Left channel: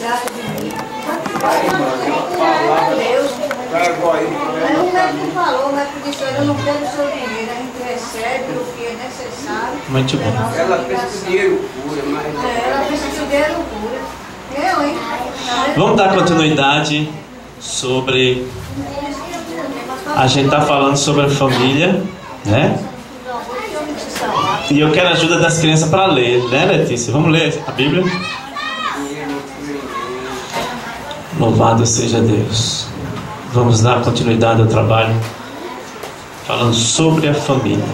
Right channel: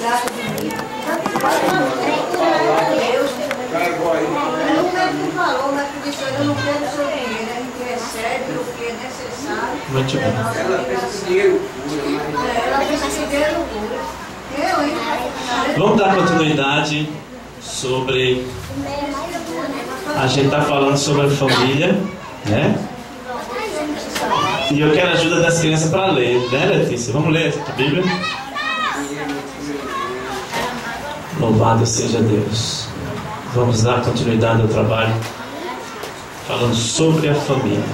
trata de mim. Deus. O médico falou, o médico disse, eu não quero o seu dinheiro, a gente recebe o que é necessário. Muito bem. Ela pensa que o dinheiro cura, mas... Ela pensa que o dinheiro cura. Eu, hein? Vamos dar continuidade sobre... A gente está falando sobre a família, né? E eu quero a ajuda das crianças para ler, né, Letícia? Vamos ler a Bíblia? Louvado seja Deus. Vamos dar continuidade ao trabalho falando sobre a família.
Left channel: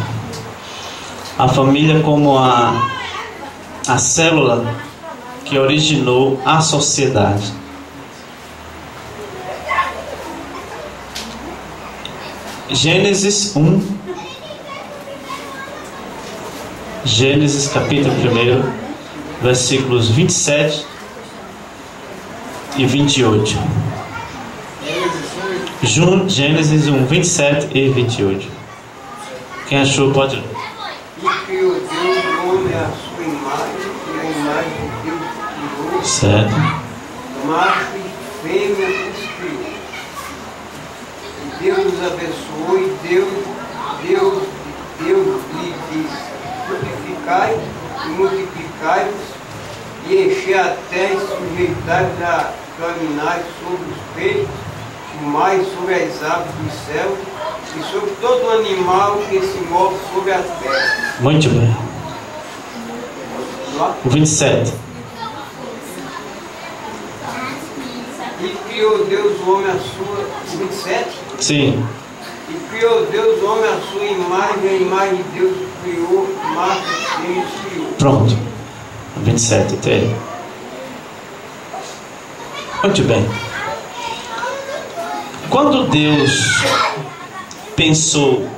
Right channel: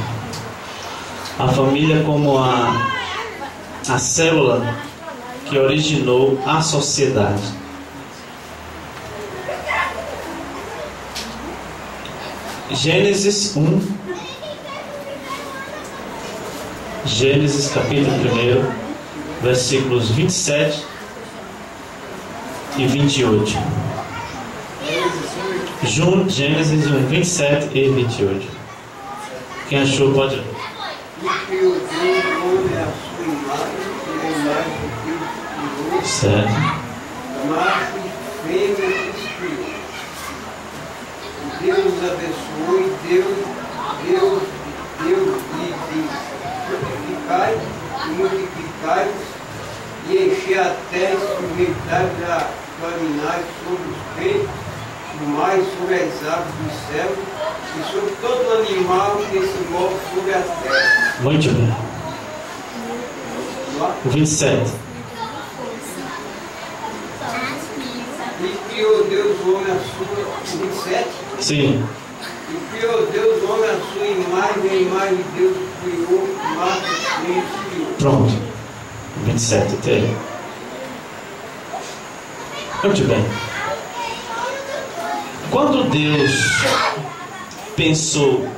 A família como a célula que originou a sociedade. Gênesis 1. Gênesis capítulo 1, versículos 27 e 28. Gênesis 1, 27 e 28. Quem achou pode ler. E criou Deus o homem à sua imagem, e a imagem de Deus criou. Certo. Macho e fêmea os criou. Deus os abençoou e Deus lhe disse: frutificai e multiplicai-vos e enchei a terra e sujeitai-vos a dominar sobre os peixes, o mar e sobre as aves do céu e sobre todo animal que se move sobre a terra. Muito bem. O 27. E criou Deus o homem à sua... 27? Sim. E criou Deus o homem à sua imagem, a imagem de Deus criou, macho e fêmea os criou. Pronto. O 27 até. Muito bem. Quando Deus pensou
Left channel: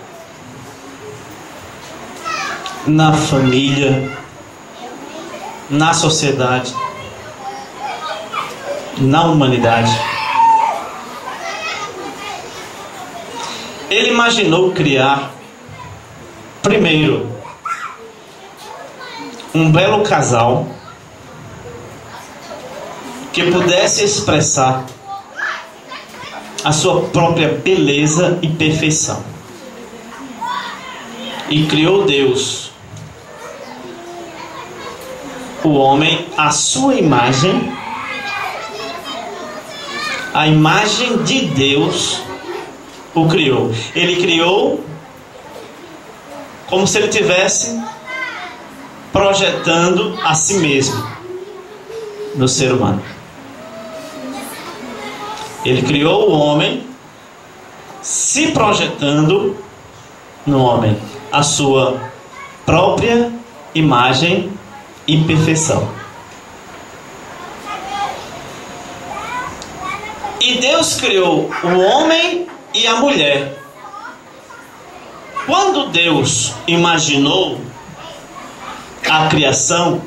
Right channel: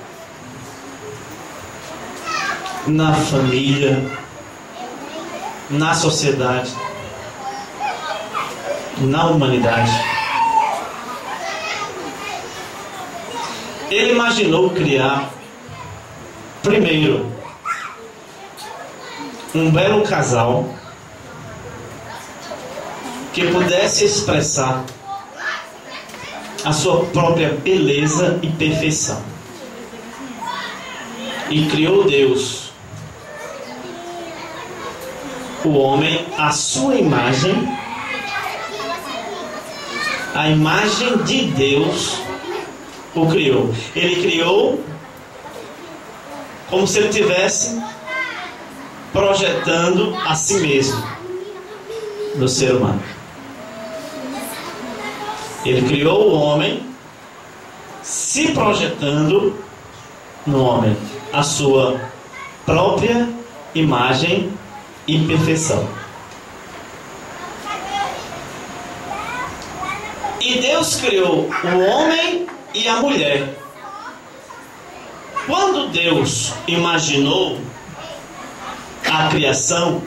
na família, na sociedade, na humanidade, Ele imaginou criar, primeiro, um belo casal que pudesse expressar a sua própria beleza e perfeição. E criou Deus o homem à sua imagem, a imagem de Deus o criou. Ele criou como se ele estivesse projetando a si mesmo no ser humano. Ele criou o homem se projetando no homem a sua própria imagem e perfeição. E Deus criou o homem e a mulher. Quando Deus imaginou a criação,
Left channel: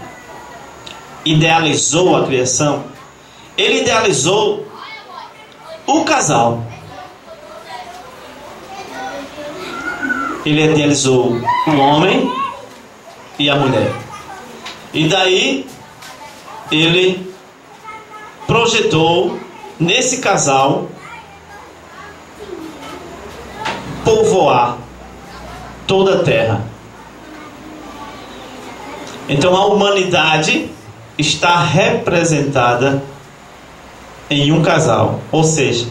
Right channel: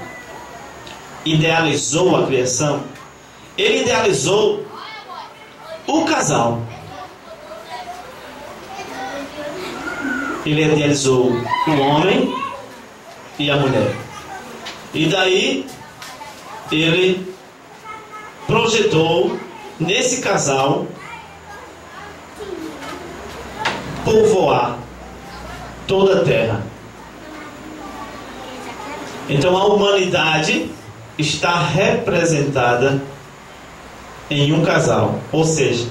idealizou a criação, Ele idealizou o casal. Ele idealizou o homem e a mulher. E daí Ele projetou nesse casal povoar toda a terra. Então a humanidade está representada em um casal, ou seja,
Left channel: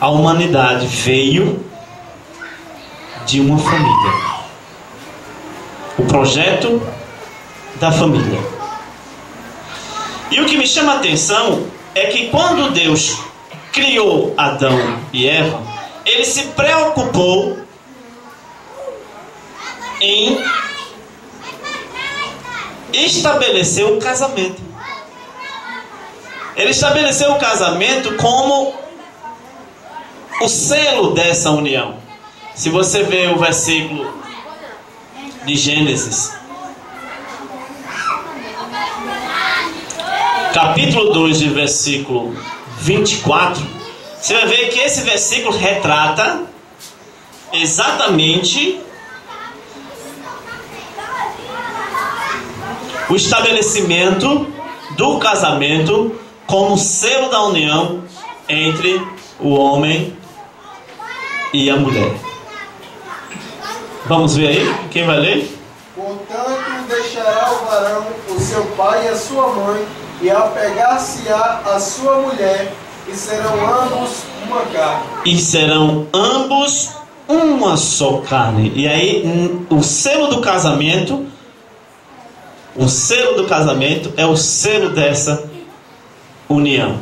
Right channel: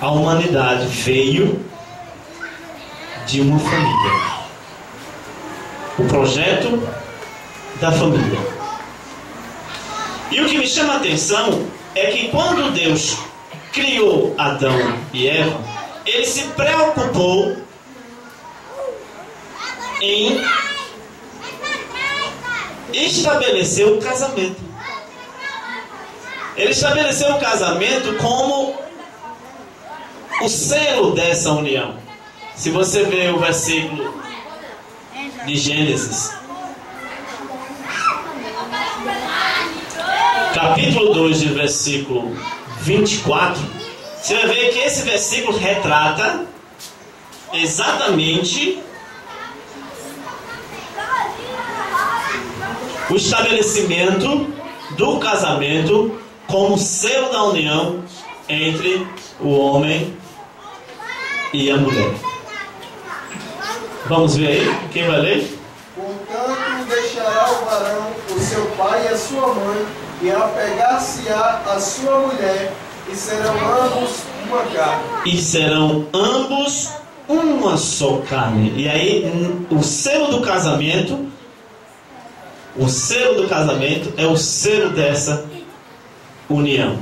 a humanidade veio de uma família. O projeto da família. E o que me chama a atenção é que quando Deus criou Adão e Eva, Ele se preocupou em estabelecer o casamento. Ele estabeleceu o casamento como o selo dessa união. Se você ver o versículo de Gênesis, capítulo 2, de versículo 24, você vai ver que esse versículo retrata exatamente o estabelecimento do casamento como selo da união entre o homem e a mulher. Vamos ver aí? Quem vai ler? Portanto, deixará o varão o seu pai e a sua mãe, e apegar-se-á a sua mulher, e serão ambos uma carne. E serão ambos uma só carne. E aí, o selo do casamento é o selo dessa união.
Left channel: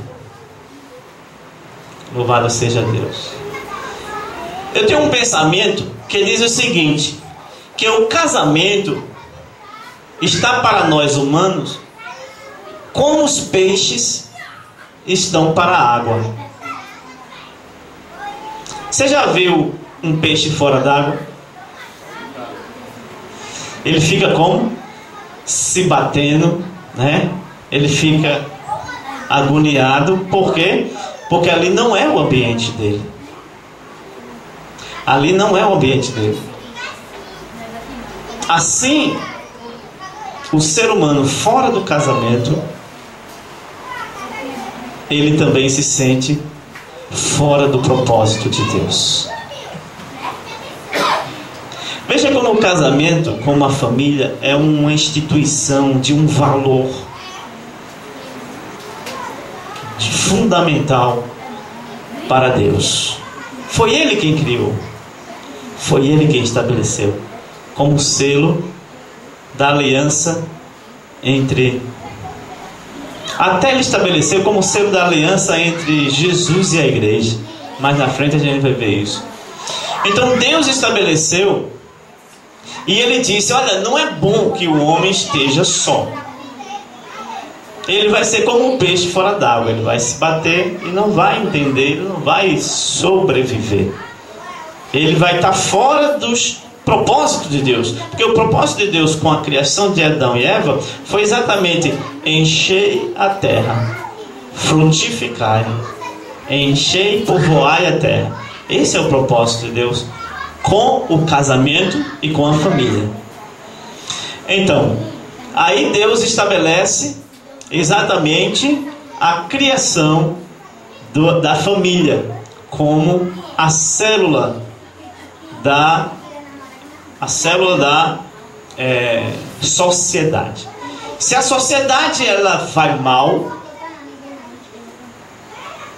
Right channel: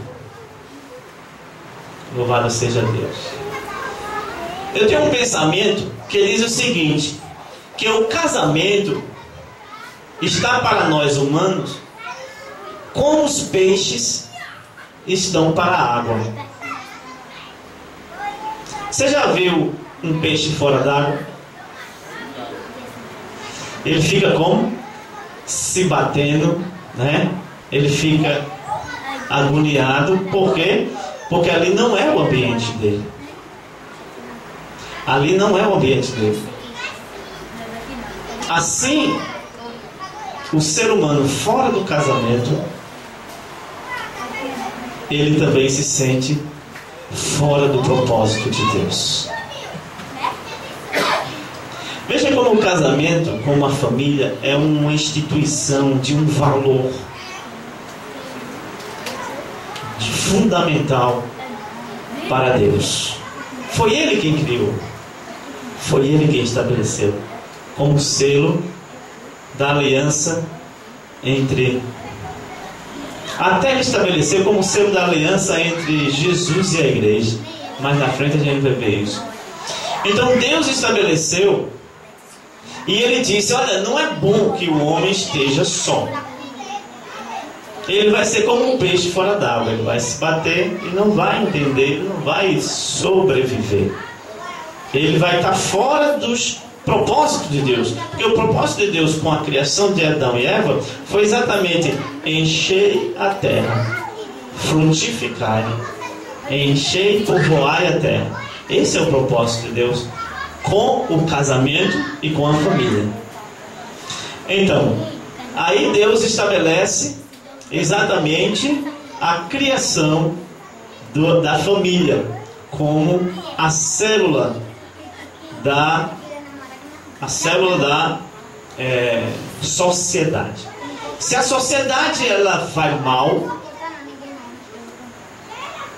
Louvado seja Deus. Eu tenho um pensamento que diz o seguinte: que o casamento está para nós humanos como os peixes estão para a água. Você já viu um peixe fora d'água? Ele fica como? Se batendo, né? Ele fica agoniado. Por quê? Porque ali não é o ambiente dele. Ali não é o ambiente dele. Assim, o ser humano fora do casamento, ele também se sente fora do propósito de Deus. Veja como o casamento, como a família, é uma instituição de um valor fundamental para Deus. Foi Ele quem criou, foi Ele quem estabeleceu como selo da aliança entre... Até Ele estabeleceu como selo da aliança entre Jesus e a igreja. Mais na frente a gente vai ver isso. Então Deus estabeleceu, e Ele disse: olha, não é bom que o homem esteja só. Ele vai ser como um peixe fora d'água. Ele vai se bater e não vai entender, ele não vai sobreviver. Ele vai estar fora dos propósitos de Deus. Porque o propósito de Deus com a criação de Adão e Eva foi exatamente: enchei a terra, frutificai, enchei e povoai a terra. Esse é o propósito de Deus com o casamento e com a família. Então, aí Deus estabelece exatamente a criação da família como a célula da sociedade. Se a sociedade ela vai mal,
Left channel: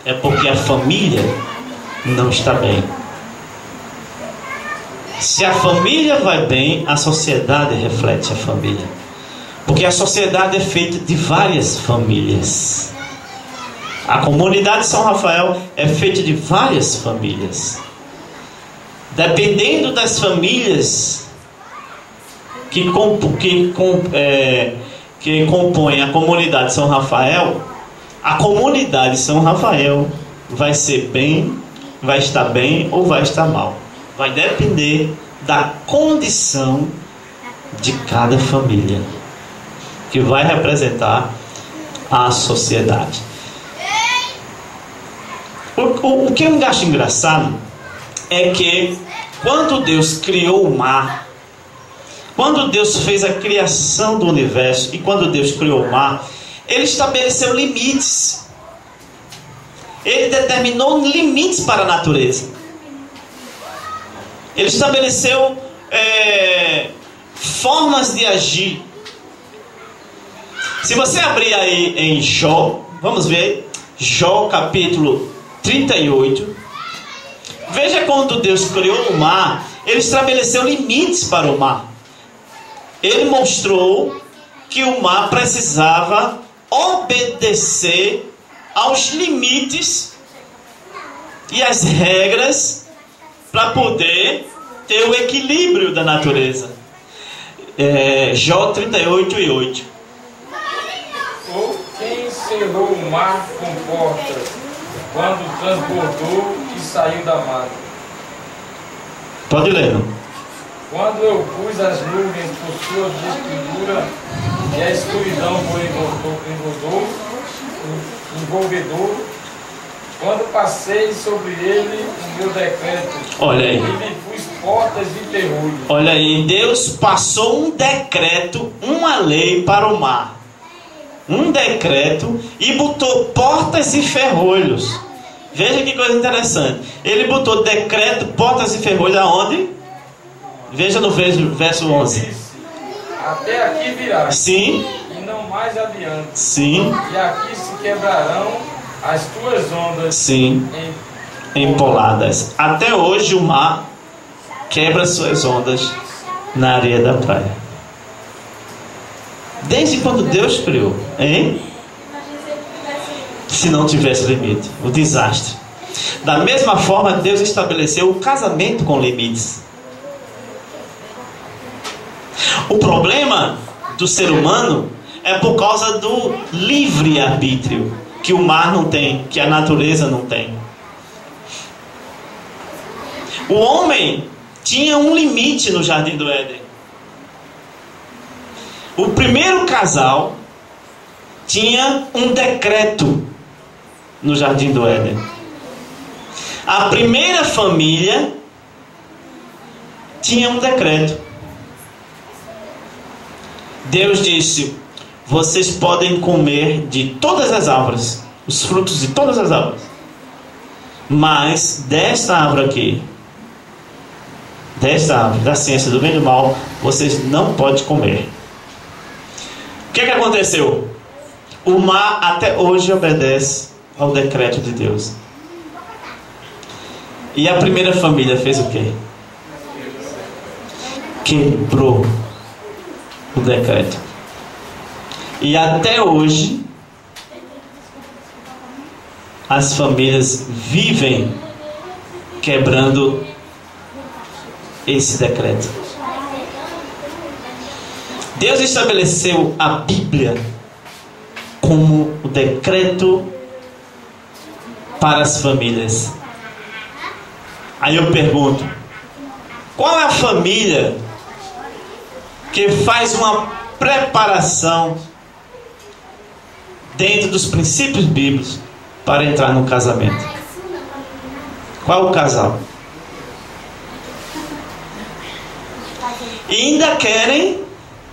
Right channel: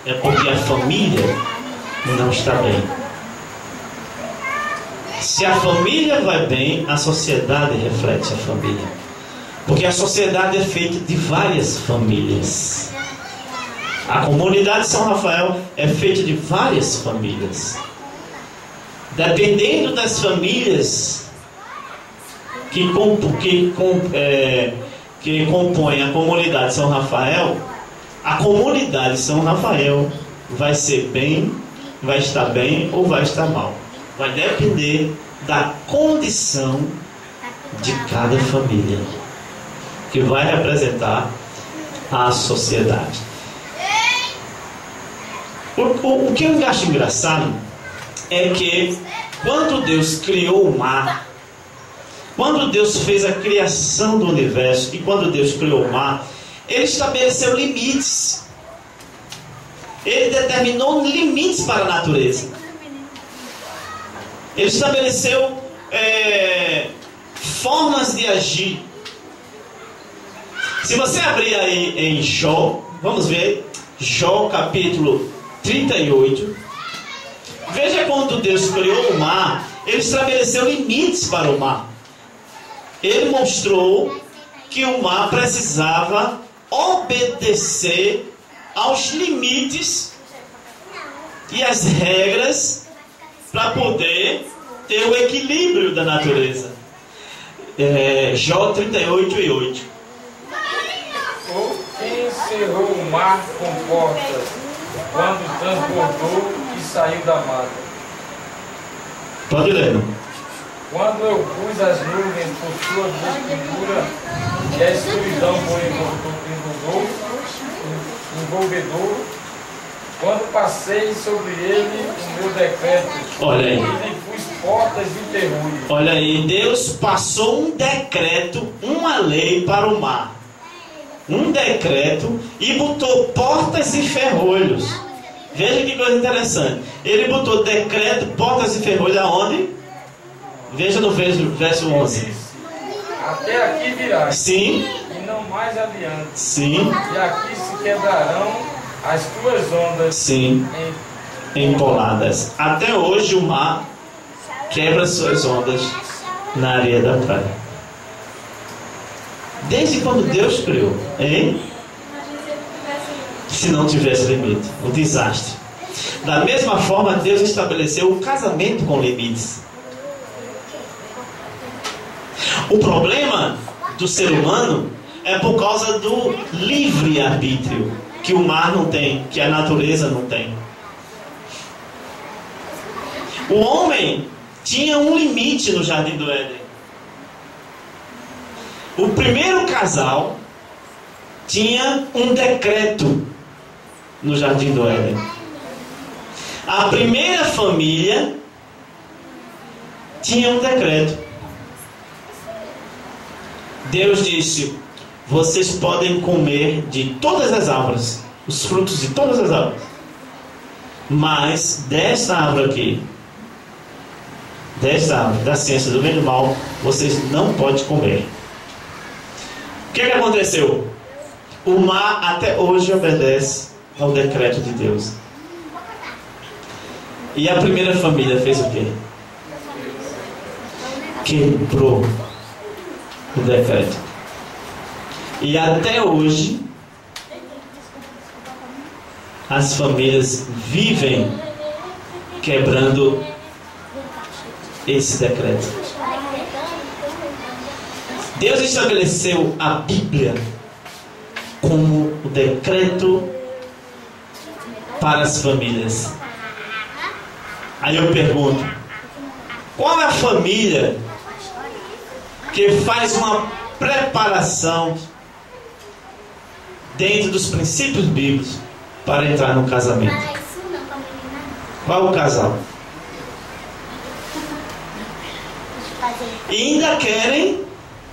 é porque a família não está bem. Se a família vai bem, a sociedade reflete a família. Porque a sociedade é feita de várias famílias. A comunidade de São Rafael é feita de várias famílias. Dependendo das famílias que compõem a comunidade de São Rafael, a comunidade de São Rafael vai ser bem, vai estar bem ou vai estar mal. Vai depender da condição de cada família, que vai representar a sociedade. O que eu acho engraçado é que quando Deus criou o mar, quando Deus fez a criação do universo e quando Deus criou o mar, Ele estabeleceu limites. Ele determinou limites para a natureza. Ele estabeleceu formas de agir. Se você abrir aí em Jó, vamos ver Jó capítulo 38. Veja quando Deus criou o mar, Ele estabeleceu limites para o mar. Ele mostrou que o mar precisava obedecer aos limites e às regras para poder ter o equilíbrio da natureza. Jó 38:8. Ou quem encerrou o mar com portas, quando transbordou e saiu da mata? Pode ler. Quando eu pus as nuvens por sua vestidura e a escuridão envolvedor, quando passei sobre ele o meu decreto, olha aí, e lhe pus portas de terror. Olha aí, Deus passou um decreto, uma lei para o mar. um decreto e botou portas e ferrolhos. Veja que coisa interessante. Ele botou decreto, portas e ferrolhos aonde? Veja no verso 11. Até aqui virá. Sim. E não mais adiante. Sim. E aqui se quebrarão as tuas ondas. Sim. Empoladas. Até hoje o mar quebra suas ondas na areia da praia. Desde quando Deus criou, hein? Se não tivesse limite, o desastre. Da mesma forma, Deus estabeleceu o casamento com limites. O problema do ser humano é por causa do livre-arbítrio, que o mar não tem, que a natureza não tem. O homem tinha um limite no Jardim do Éden. O primeiro casal tinha um decreto no Jardim do Éden. A primeira família tinha um decreto. Deus disse: vocês podem comer de todas as árvores, os frutos de todas as árvores, mas desta árvore aqui, desta árvore da ciência do bem e do mal, vocês não podem comer. O que aconteceu? O mar até hoje obedece ao decreto de Deus. E a primeira família fez o quê? Quebrou o decreto. E até hoje as famílias vivem quebrando esse decreto. Deus estabeleceu a Bíblia como o decreto para as famílias. Aí eu pergunto: qual é a família que faz uma preparação dentro dos princípios bíblicos para entrar no casamento? Qual é o casal? E ainda querem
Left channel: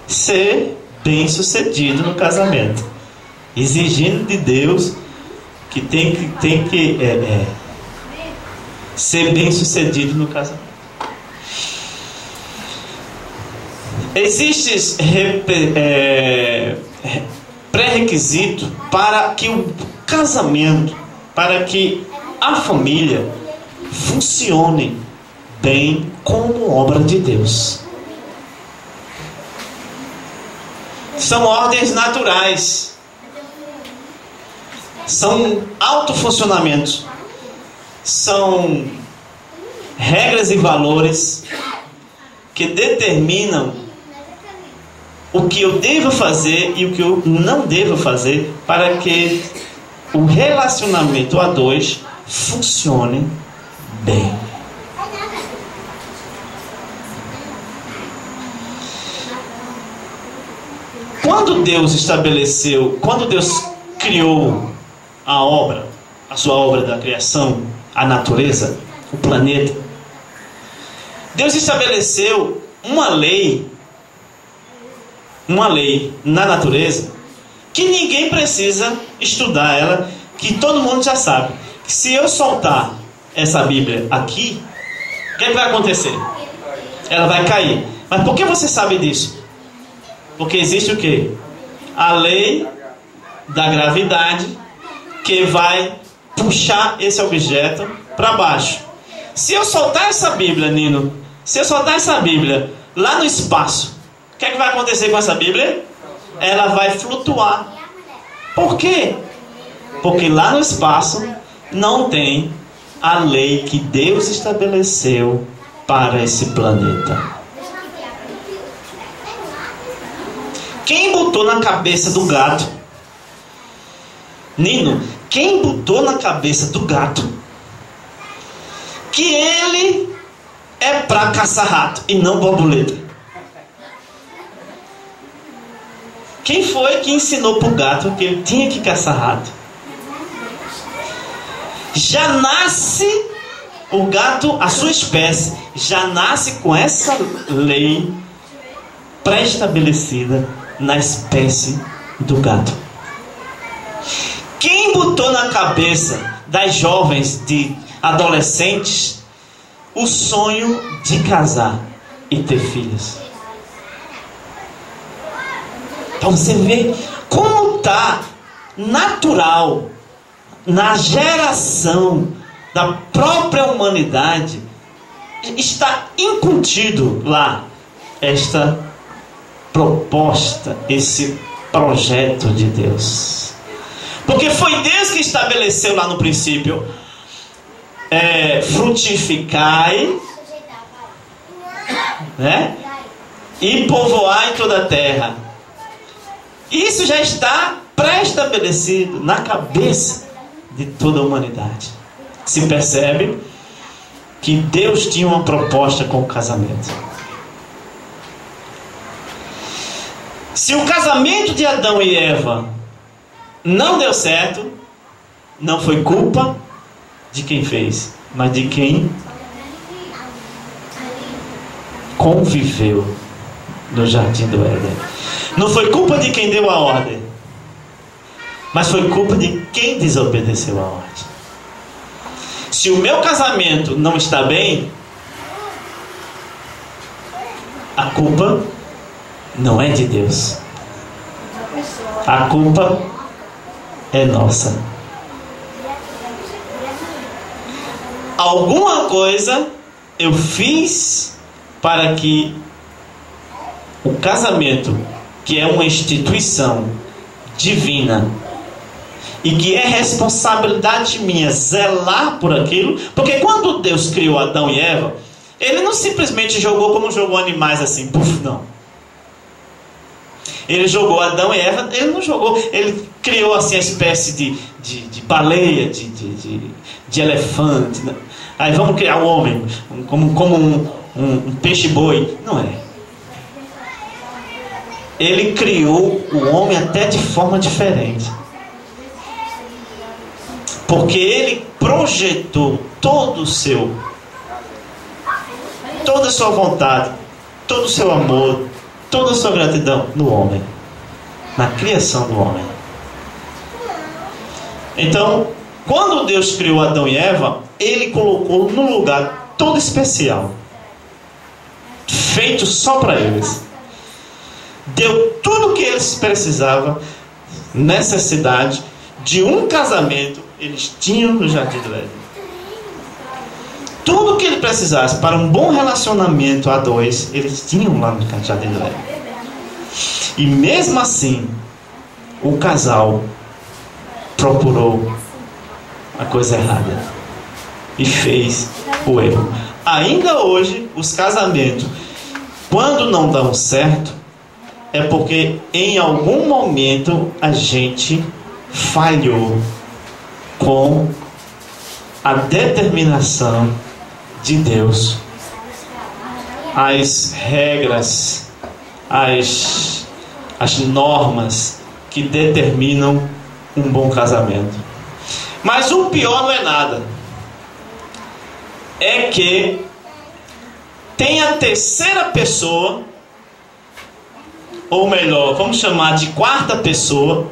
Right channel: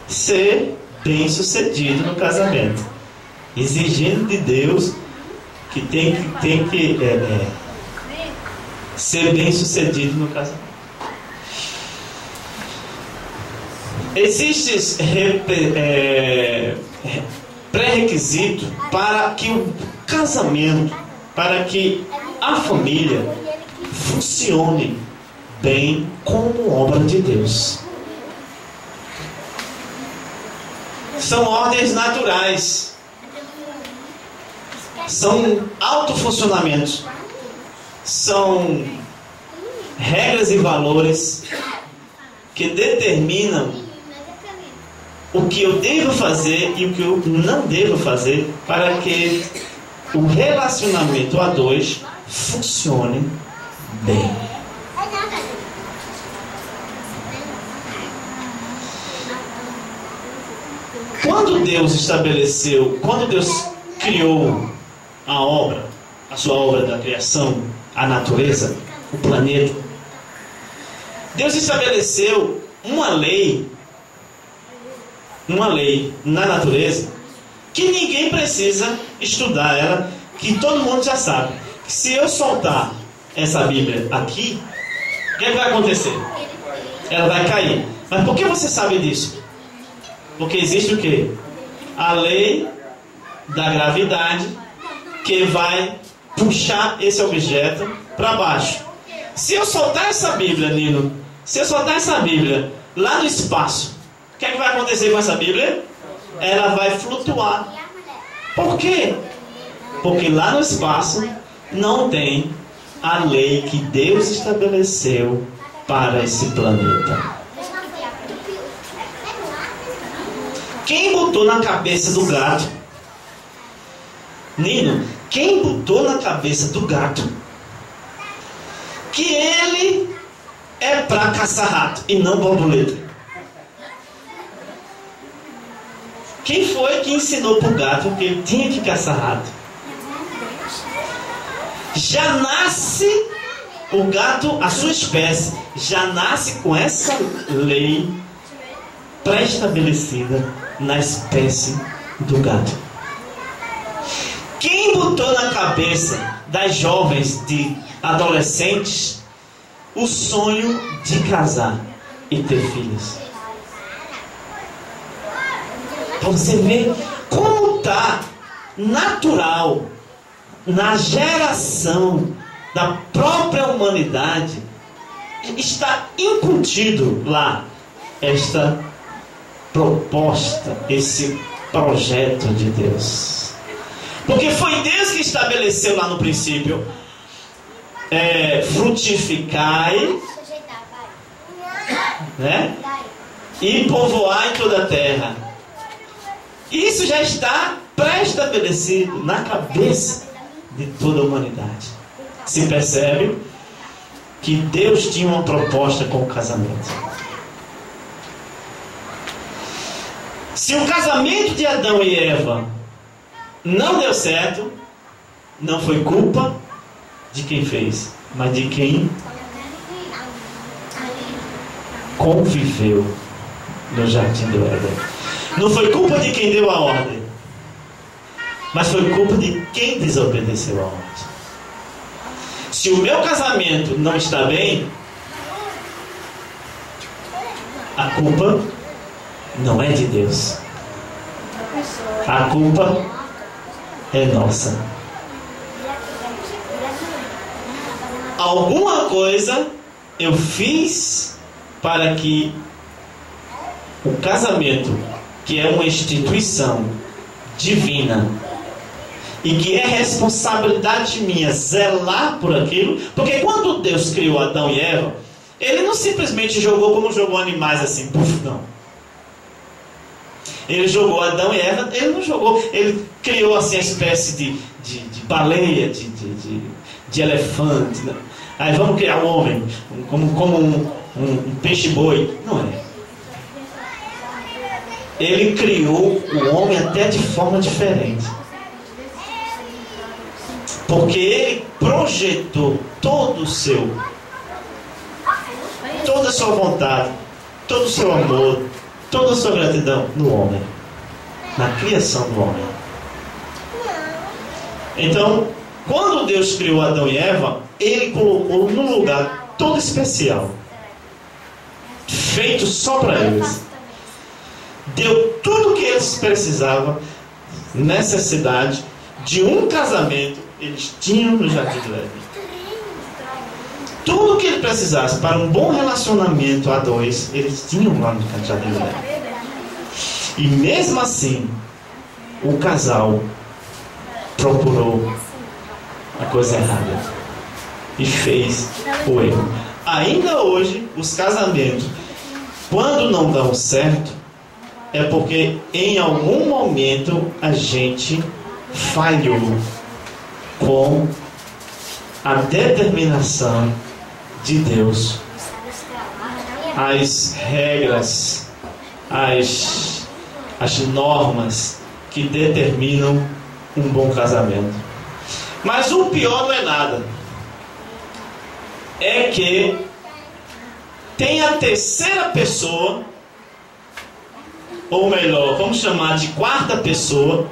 ser bem-sucedido no casamento, exigindo de Deus que tem que ser bem-sucedido no casamento. Existe pré-requisito para que o casamento, para que a família funcione bem como obra de Deus. São ordens naturais, são autofuncionamentos, são regras e valores que determinam o que eu devo fazer e o que eu não devo fazer para que o relacionamento a dois funcione bem. Quando Deus criou a obra, a sua obra da criação, a natureza, o planeta, Deus estabeleceu uma lei na natureza que ninguém precisa estudar ela, que todo mundo já sabe. Se eu soltar essa Bíblia aqui, o que vai acontecer? Ela vai cair. Mas por que você sabe disso? Porque existe o quê? A lei da gravidade que vai puxar esse objeto para baixo. Se eu soltar essa Bíblia, Nino, se eu soltar essa Bíblia lá no espaço, o que vai acontecer com essa Bíblia? Ela vai flutuar. Por quê? Porque lá no espaço não tem a lei que Deus estabeleceu para esse planeta. Quem botou na cabeça do gato? Nino, quem botou na cabeça do gato que ele é para caçar rato e não borboleta? Quem foi que ensinou para o gato que ele tinha que caçar rato? Já nasce o gato, a sua espécie, já nasce com essa lei pré-estabelecida na espécie do gato. Quem botou na cabeça das jovens, de adolescentes, o sonho de casar e ter filhos? Para você ver como está natural na geração da própria humanidade, está incutido lá esta proposta, esse projeto de Deus. Porque foi Deus que estabeleceu lá no princípio: frutificai, né? E povoai toda a terra. Isso já está pré-estabelecido na cabeça de toda a humanidade. Se percebe que Deus tinha uma proposta com o casamento. Se o casamento de Adão e Eva não deu certo, não foi culpa de quem fez, mas de quem conviveu no jardim do Éden. Não foi culpa de quem deu a ordem, mas foi culpa de quem desobedeceu a ordem. Se o meu casamento não está bem, a culpa não é de Deus. A culpa é nossa. Alguma coisa eu fiz para que o casamento, que é uma instituição divina e que é responsabilidade minha zelar por aquilo, porque quando Deus criou Adão e Eva, Ele não simplesmente jogou como jogou animais assim, puf, não. Ele jogou Adão e Eva, Ele não jogou, Ele criou assim a espécie de baleia, de elefante, né? Aí vamos criar o homem como um peixe-boi. Não é. Ele criou o homem até de forma diferente, porque Ele projetou toda a sua vontade, todo o seu amor, toda a sua gratidão no homem, na criação do homem. Então, quando Deus criou Adão e Eva, Ele colocou num lugar todo especial, feito só para eles. Deu tudo o que eles precisavam, necessidade de um casamento, eles tinham no jardim do Éden. Tudo o que ele precisasse para um bom relacionamento a dois, eles tinham lá no jardim do Éden. E mesmo assim, o casal procurou a coisa errada e fez o erro. Ainda hoje, os casamentos, quando não dão certo, é porque em algum momento a gente falhou com a determinação de Deus, as regras, as normas que determinam um bom casamento. Mas o pior não é nada, é que tem a terceira pessoa, ou melhor, vamos chamar de quarta pessoa,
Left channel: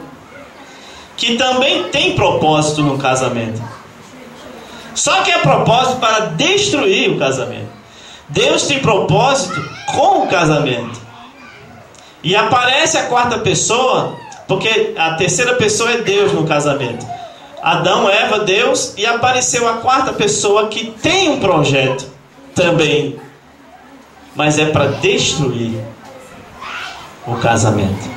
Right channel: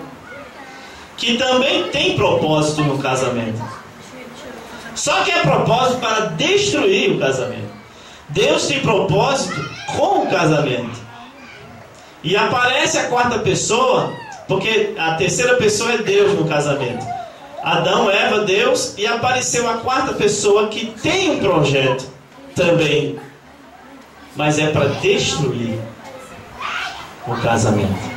que também tem propósito no casamento. Só que é propósito para destruir o casamento. Deus tem propósito com o casamento. E aparece a quarta pessoa, porque a terceira pessoa é Deus no casamento. Adão, Eva, Deus, e apareceu a quarta pessoa que tem um projeto também, mas é para destruir o casamento.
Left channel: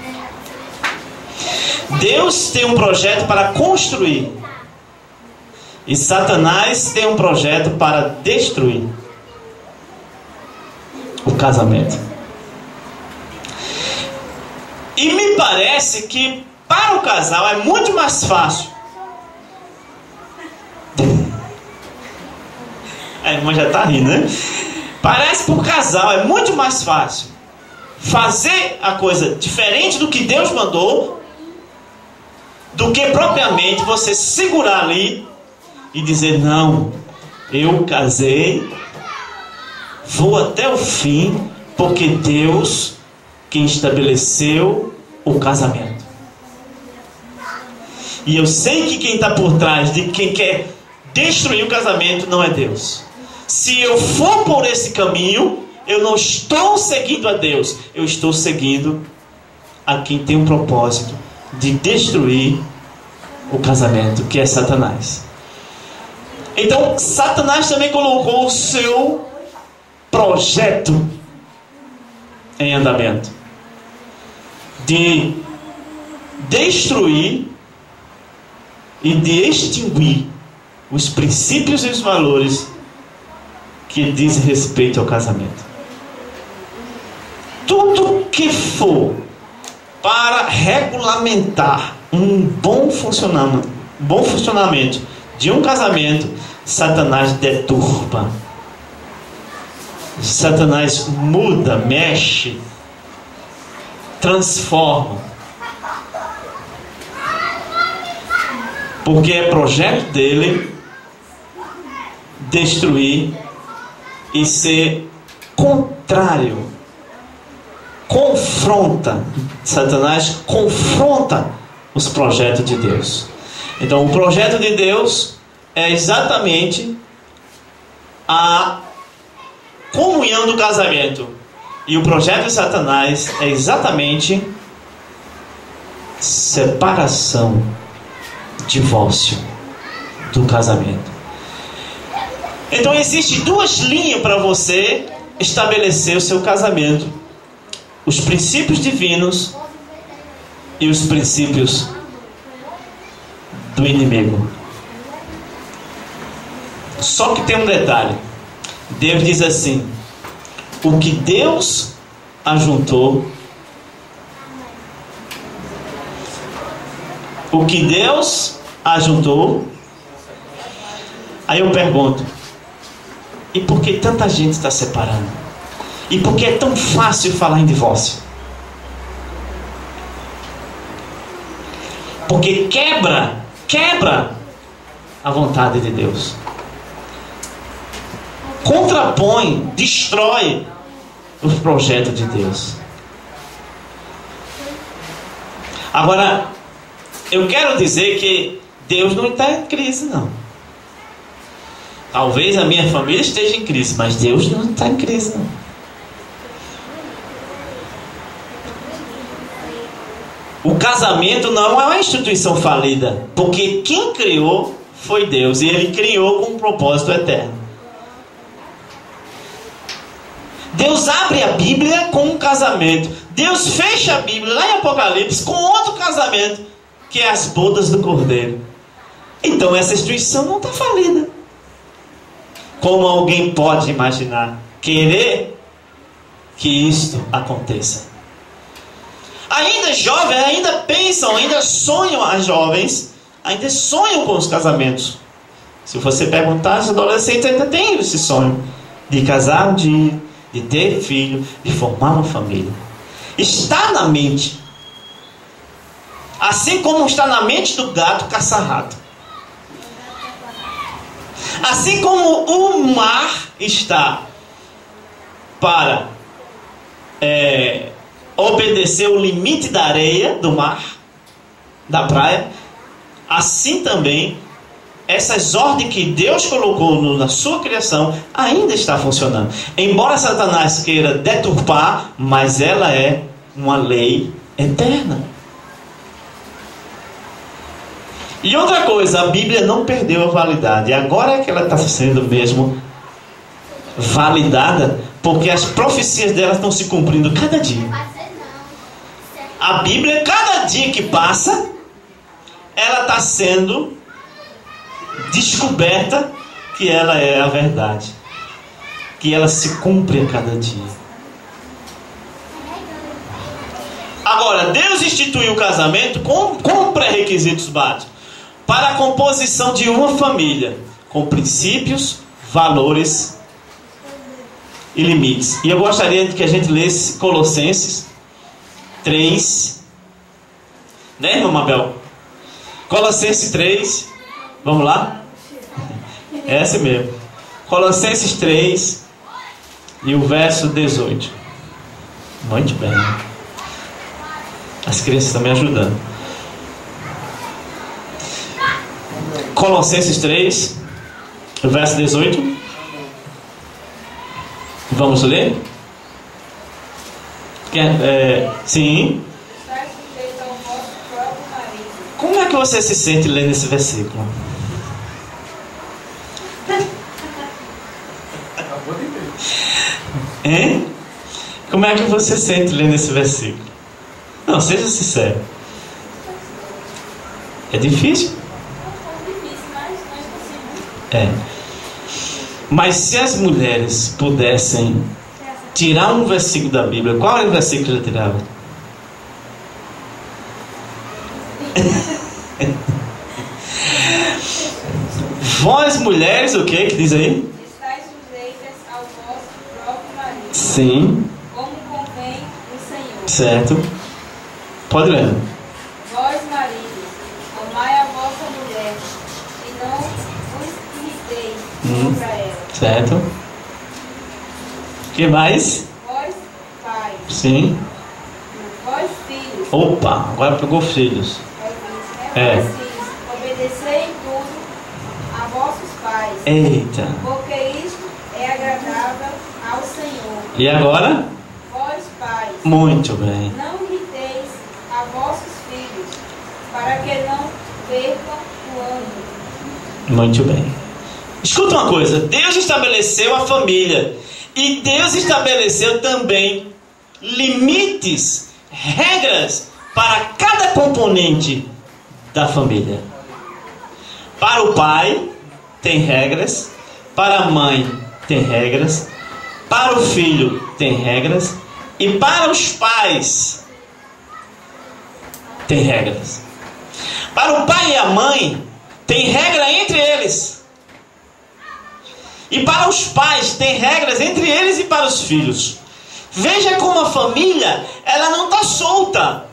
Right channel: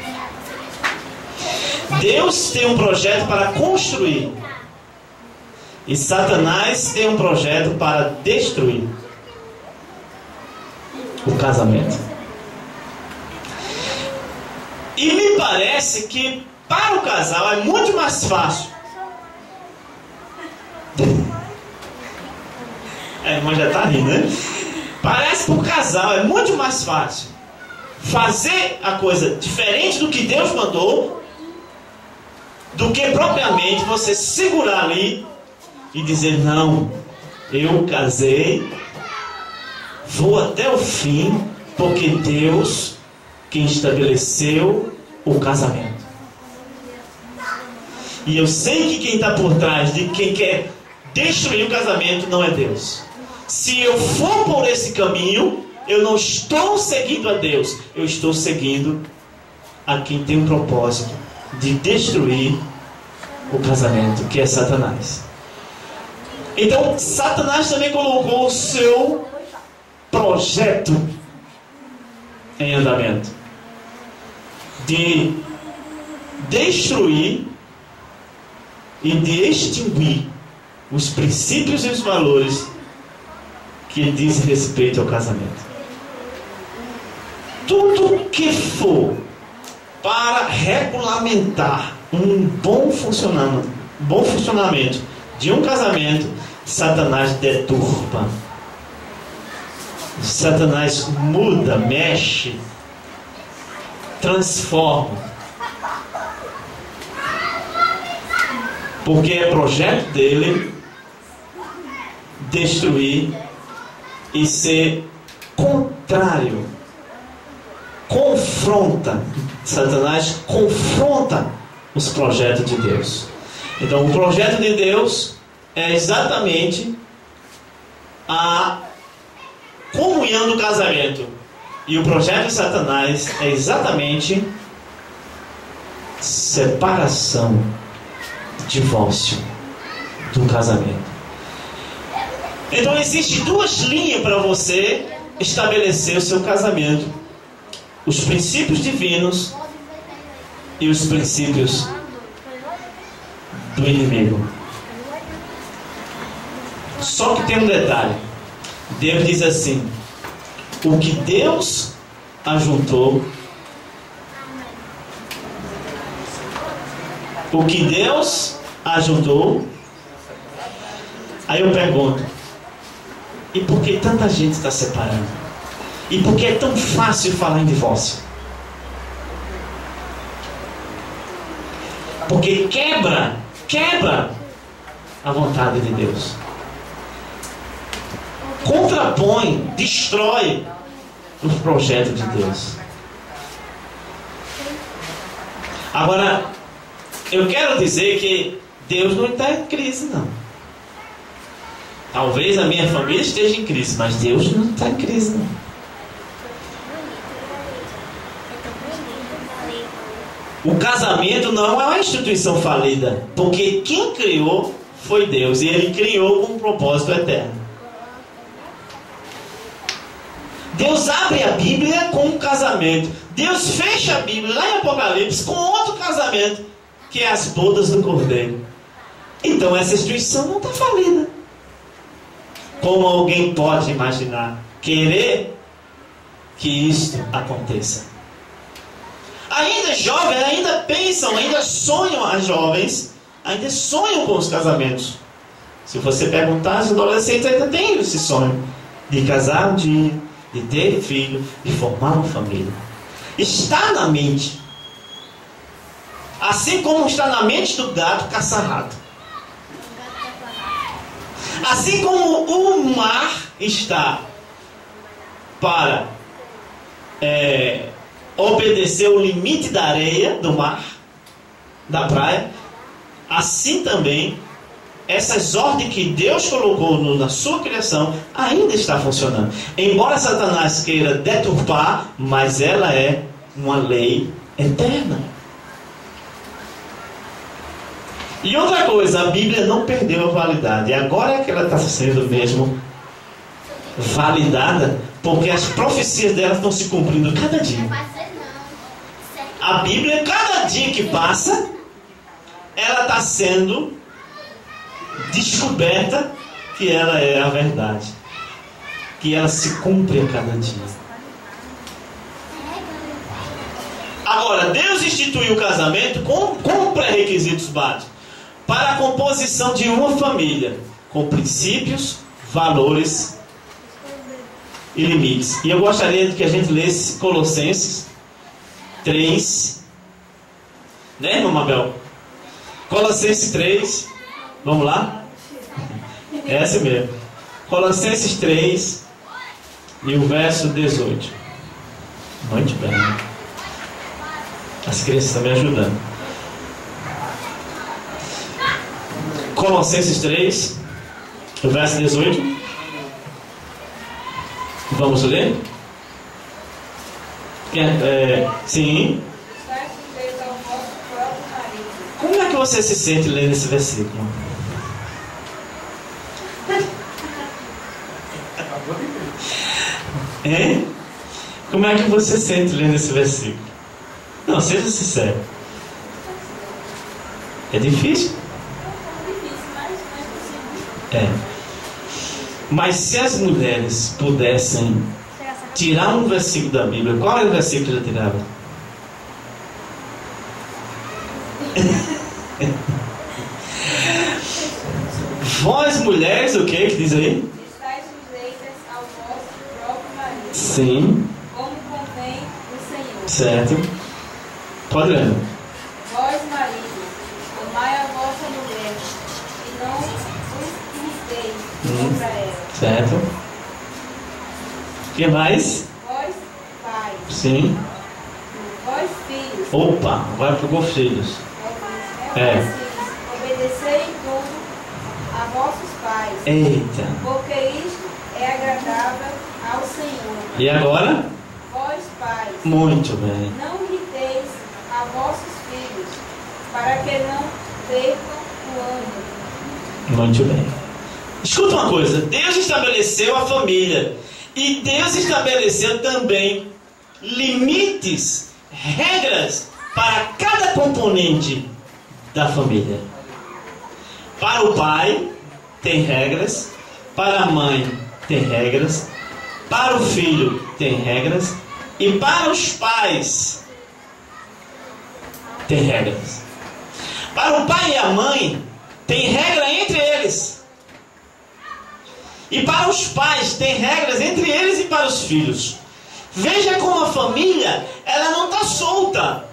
Deus tem um projeto para construir, e Satanás tem um projeto para destruir o casamento. E me parece que para o casal é muito mais fácil. A irmã já está rindo, né? Parece que para o casal é muito mais fácil fazer a coisa diferente do que Deus mandou, do que propriamente você segurar ali e dizer: não, eu casei, vou até o fim, porque Deus quem estabeleceu o casamento. E eu sei que quem está por trás de quem quer destruir o casamento não é Deus. Se eu for por esse caminho, eu não estou seguindo a Deus, eu estou seguindo a quem tem um propósito de destruir o casamento, que é Satanás. Então, Satanás também colocou o seu projeto em andamento de destruir e de extinguir os princípios e os valores que dizem respeito ao casamento. Tudo que for para regulamentar um bom funcionamento de um casamento, Satanás deturpa. Satanás muda, mexe, transforma. Porque é projeto dele destruir e ser contrário. Confronta. Satanás confronta os projetos de Deus. Então, o projeto de Deus é exatamente a comunhão do casamento. E o projeto de Satanás é exatamente separação, divórcio do casamento. Então, existem duas linhas para você estabelecer o seu casamento: os princípios divinos e os princípios do inimigo. Só que tem um detalhe. Deus diz assim: o que Deus ajuntou, aí eu pergunto, e por que tanta gente está separando? E por que é tão fácil falar em divórcio? Porque quebra a vontade de Deus. Contrapõe, destrói os projetos de Deus. Agora, eu quero dizer que Deus não está em crise, não. Talvez a minha família esteja em crise, mas Deus não está em crise, não. O casamento não é uma instituição falida, porque quem criou foi Deus, e Ele criou com um propósito eterno. Deus abre a Bíblia com um casamento. Deus fecha a Bíblia lá em Apocalipse com outro casamento, que é as bodas do Cordeiro. Então essa instituição não está falida. Como alguém pode imaginar, querer que isto aconteça? Ainda jovens, ainda pensam, ainda sonham, as jovens ainda sonham com os casamentos. Se você perguntar, os adolescentes ainda têm esse sonho de casar um dia, de ter filho, de formar uma família. Está na mente. Assim como está na mente do gato caçar rato. Assim como o mar está para obedecer o limite da areia do mar, da praia, assim também essas ordens que Deus colocou na sua criação ainda está funcionando. Embora Satanás queira deturpar, mas ela é uma lei eterna. E outra coisa, a Bíblia não perdeu a validade. Agora é que ela está sendo mesmo validada, porque as profecias dela estão se cumprindo cada dia. A Bíblia, cada dia que passa, ela está sendo descoberta que ela é a verdade, que ela se cumpre a cada dia. Agora, Deus instituiu o casamento com pré-requisitos básicos para a composição de uma família, com princípios, valores e limites. E eu gostaria que a gente lesse Colossenses 3, né, irmão Mabel? Colossenses 3, vamos lá? É esse mesmo. Colossenses 3 e o verso 18. Muito bem. As crianças estão me ajudando. Colossenses 3, verso 18. Vamos ler? Sim. Como é que você se sente lendo esse versículo? Hein? Como é que você se sente lendo esse versículo? Não, seja sincero. É difícil? É. Mas se as mulheres pudessem tirar um versículo da Bíblia, qual era o versículo que já tirava? Vós mulheres, o que diz aí? Estais sujeitas ao vosso próprio marido. Sim. Como convém no Senhor. Certo. Pode ler. Vós maridos, amai a vossa mulher, e não vos irriteis contra ela. Certo. O que mais? Vós pais. Sim. Vós filhos. Opa, agora pegou filhos. É. Vós filhos, obedecei em tudo a vossos pais. Eita. Porque isto é agradável ao Senhor. E agora? Vós pais. Muito bem. Não irriteis a vossos filhos, para que não percam o ânimo. Muito bem. Escuta uma coisa. Deus estabeleceu a família. E Deus estabeleceu também limites, regras para cada componente da família. Para o pai tem regras, para a mãe tem regras, para o filho tem regras e para os pais tem regras. Para o pai e a mãe tem regra entre eles. E para os pais tem regras entre eles e para os filhos. Veja como a família, ela não está solta.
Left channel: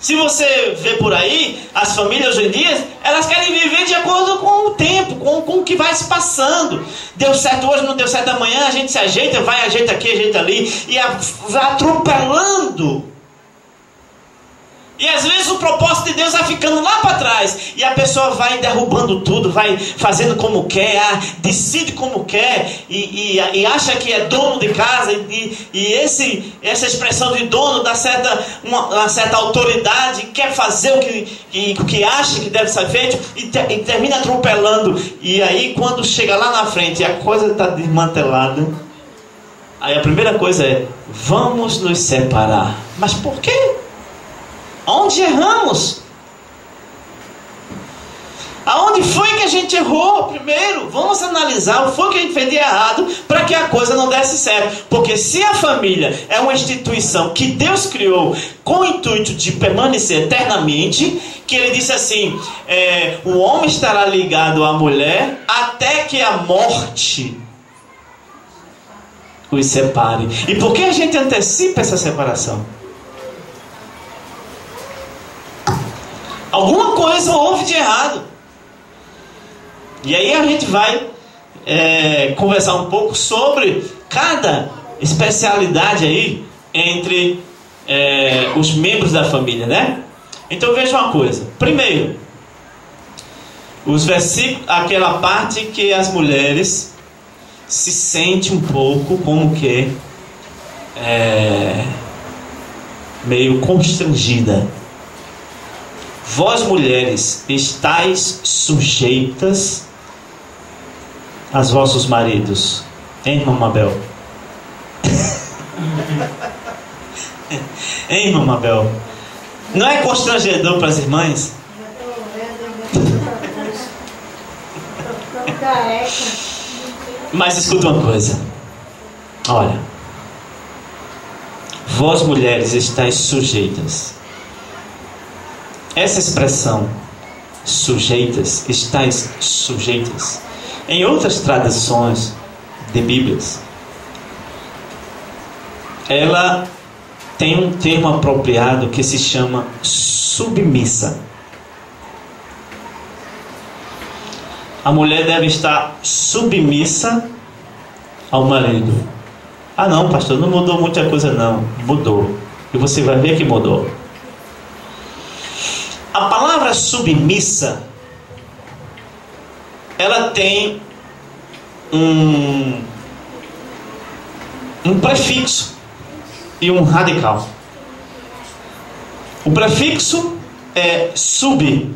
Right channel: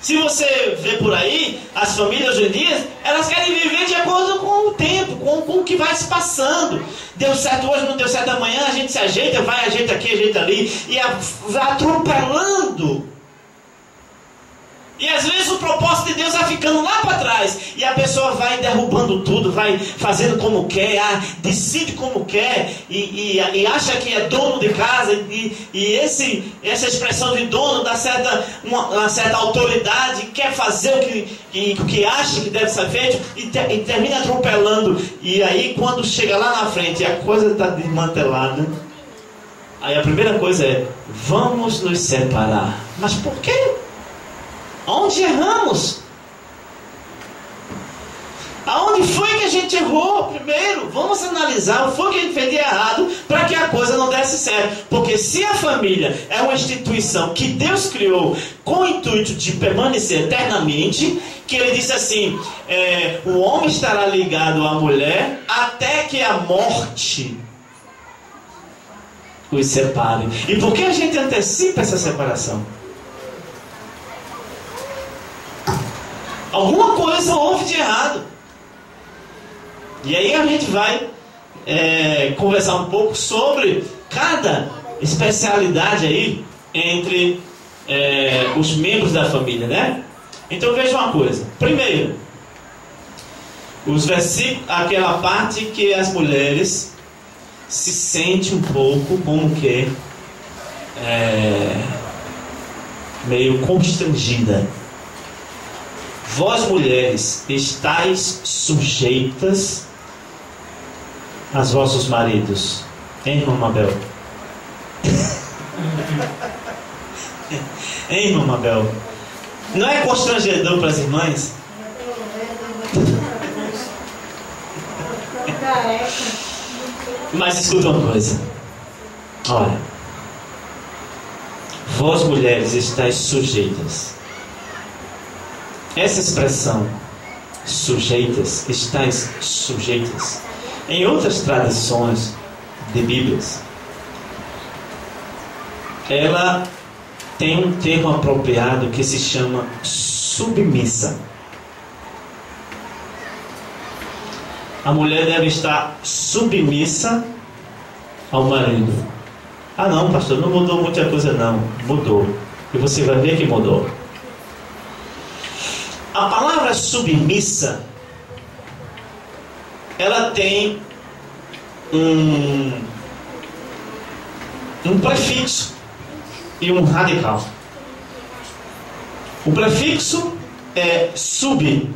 Se você vê por aí, as famílias hoje em dia, elas querem viver de acordo com o tempo, com o que vai se passando. Deu certo hoje, não deu certo amanhã, a gente se ajeita, vai, ajeita aqui, ajeita ali, e vai atropelando. E às vezes o propósito de Deus vai ficando lá para trás. E a pessoa vai derrubando tudo, vai fazendo como quer, decide como quer, e acha que é dono de casa. E essa expressão de dono dá uma certa autoridade, quer fazer o que acha que deve ser feito, e termina atropelando. E aí quando chega lá na frente e a coisa está desmantelada, aí a primeira coisa é: vamos nos separar. Mas por quê? Aonde erramos? Aonde foi que a gente errou? Primeiro, vamos analisar o que foi que a gente fez de errado para que a coisa não desse certo. Porque se a família é uma instituição que Deus criou com o intuito de permanecer eternamente, que ele disse assim, o homem estará ligado à mulher até que a morte os separe. E por que a gente antecipa essa separação? Alguma coisa houve de errado. E aí a gente vai conversar um pouco sobre cada especialidade aí entre os membros da família, né? Então veja uma coisa. Primeiro, os versículos, aquela parte que as mulheres se sentem um pouco como que meio constrangida. Vós mulheres estáis sujeitas aos vossos maridos. Hein, irmã Mabel? Hein, irmã Mabel? Não é constrangedor para as irmãs? Mas escuta uma coisa. Olha. Vós mulheres estáis sujeitas. Essa expressão, sujeitas, estáis sujeitas, em outras traduções de Bíblias, ela tem um termo apropriado que se chama submissa. A mulher deve estar submissa ao marido. Ah não, pastor, não mudou muita coisa não. Mudou. E você vai ver que mudou. A palavra submissa ela tem um prefixo e um radical. O prefixo é sub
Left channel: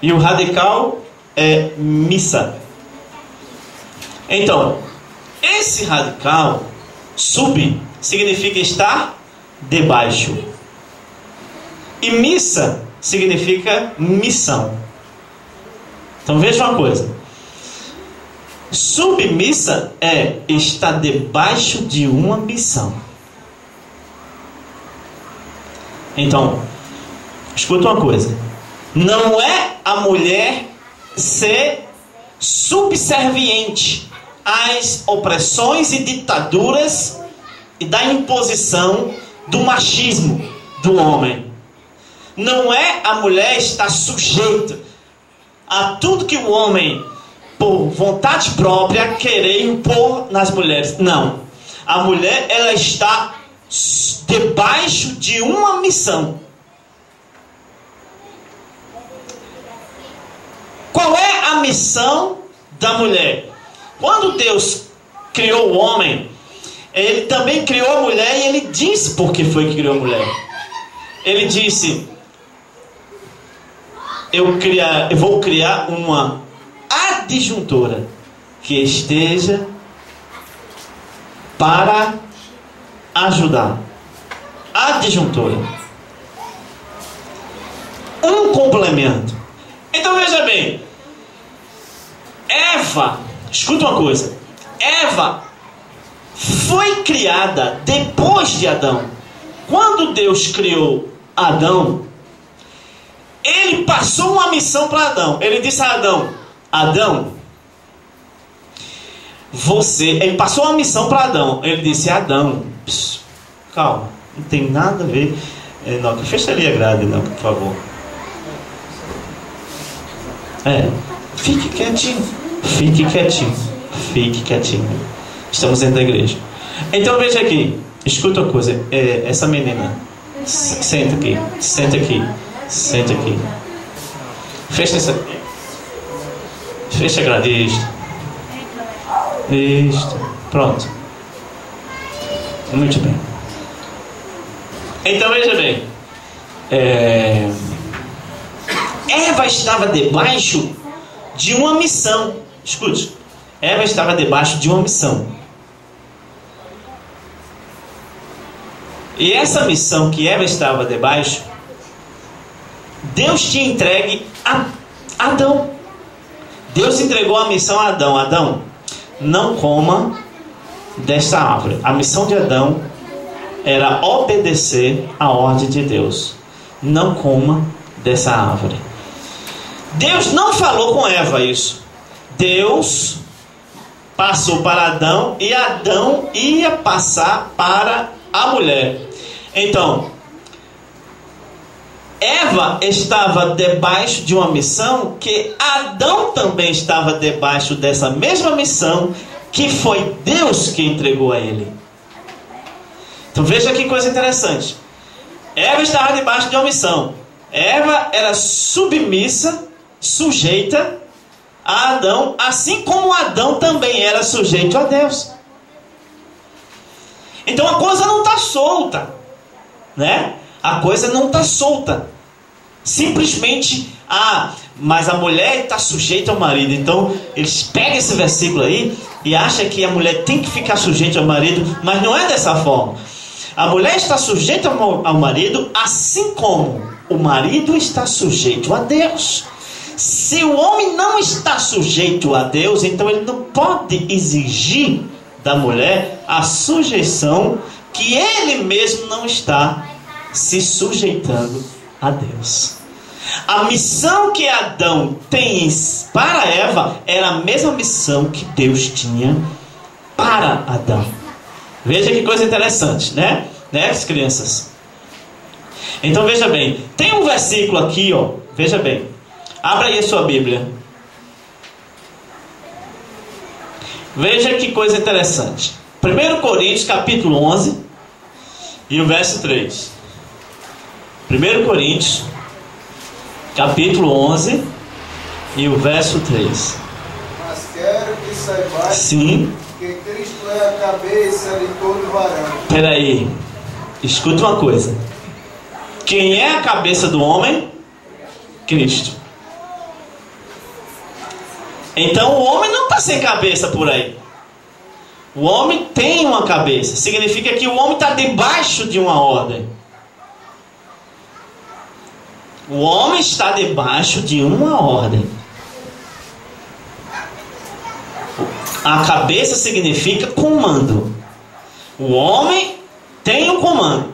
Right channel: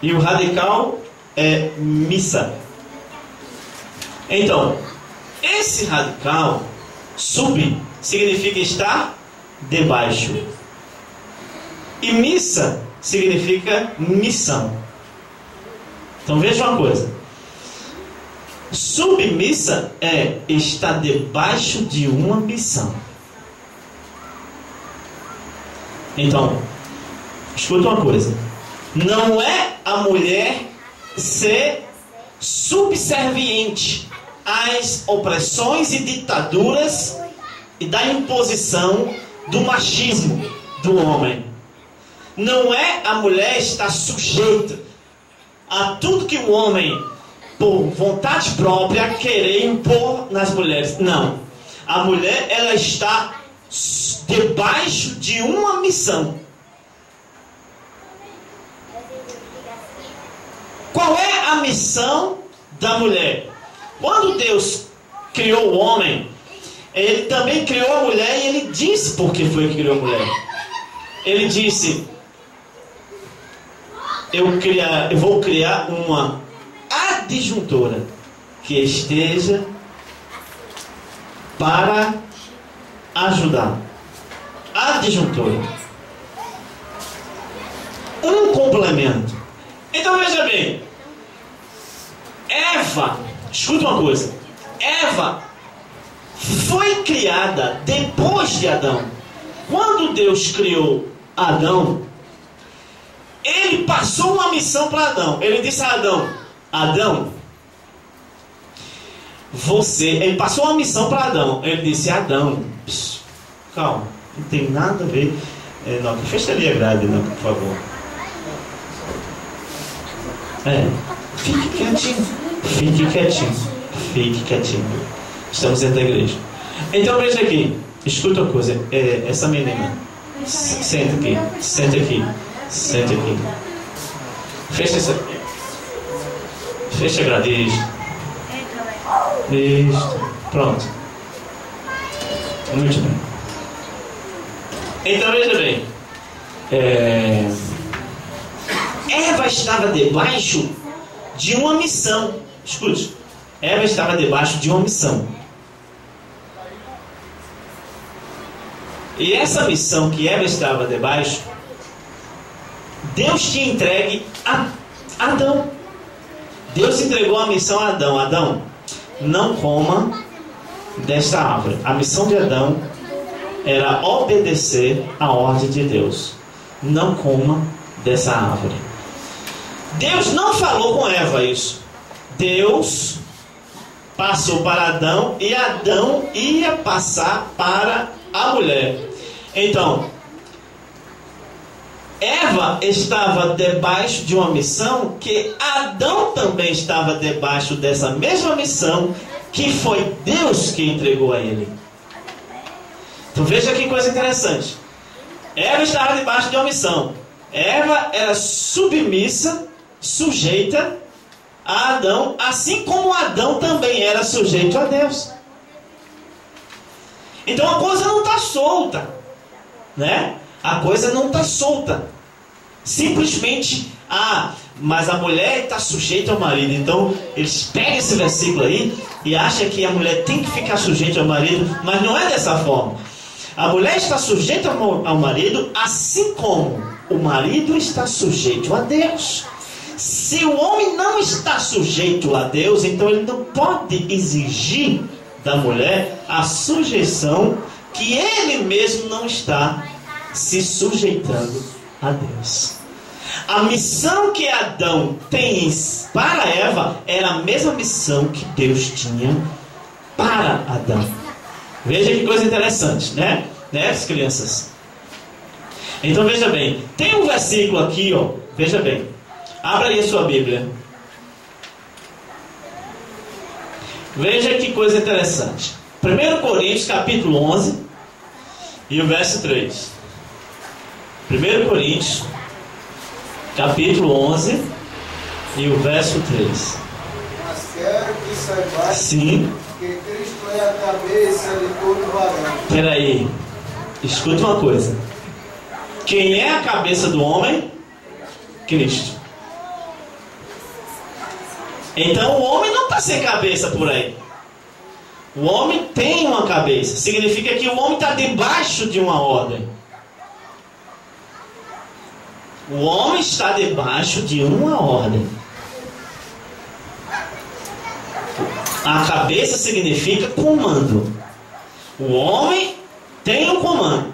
e o radical é missa. Então, esse radical, sub, significa estar debaixo. E missa significa missão. Então veja uma coisa. Submissa é estar debaixo de uma missão. Então, escuta uma coisa. Não é a mulher ser subserviente às opressões e ditaduras e da imposição do machismo do homem. Não é a mulher estar sujeita a tudo que o homem, por vontade própria, querer impor nas mulheres. Não. A mulher, ela está debaixo de uma missão. Qual é a missão da mulher? Quando Deus criou o homem, Ele também criou a mulher e Ele disse por que foi que criou a mulher. Ele disse: eu vou criar uma adjuntora que esteja para ajudar. Adjuntora. Um complemento. Então veja bem, Eva, escuta uma coisa, Eva foi criada depois de Adão. Quando Deus criou Adão, Ele passou uma missão para Adão. Ele disse a Adão: Adão, ele passou uma missão para Adão. Ele disse: Adão, calma, não tem nada a ver. Enoque, fecharia a grade, Enoque, por favor. Fique quietinho. Fique quietinho. Fique quietinho. Estamos dentro da igreja. Então veja aqui. Escuta uma coisa. Essa menina. Senta aqui. Senta aqui. Senta aqui. Fecha essa. Fecha a grade. Isto. Pronto. Muito bem. Então veja bem. Eva estava debaixo de uma missão. Escute. Eva estava debaixo de uma missão. E essa missão que Eva estava debaixo, Deus tinha entregue a Adão. Deus entregou a missão a Adão. Adão, não coma desta árvore. A missão de Adão era obedecer a ordem de Deus. Não coma dessa árvore. Deus não falou com Eva isso. Deus passou para Adão e Adão ia passar para a mulher. Então, Eva estava debaixo de uma missão que Adão também estava debaixo dessa mesma missão que foi Deus que entregou a ele. Então veja que coisa interessante. Eva estava debaixo de uma missão. Eva era submissa, sujeita a Adão, assim como Adão também era sujeito a Deus. Então a coisa não está solta, né? A coisa não está solta. Simplesmente, mas a mulher está sujeita ao marido. Então eles pegam esse versículo aí e acham que a mulher tem que ficar sujeita ao marido, mas não é dessa forma. A mulher está sujeita ao marido, assim como o marido está sujeito a Deus. Se o homem não está sujeito a Deus, então ele não pode exigir da mulher a sujeição que ele mesmo não está se sujeitando a Deus. A missão que Adão tem para Eva era a mesma missão que Deus tinha para Adão. Veja que coisa interessante, né? As crianças. Então veja bem, tem um versículo aqui, ó. Veja bem. Abra aí a sua Bíblia. Veja que coisa interessante. 1 Coríntios capítulo 11 e o verso 3. 1 Coríntios capítulo 11 e o verso 3. saibais Sim. que Cristo é a cabeça de todo varão. Peraí. Escuta uma coisa. Quem é a cabeça do homem? Cristo. Então o homem não está sem cabeça por aí. O homem tem uma cabeça. Significa que o homem está debaixo de uma ordem. O homem está debaixo de uma ordem. A cabeça significa comando. O homem tem um comando.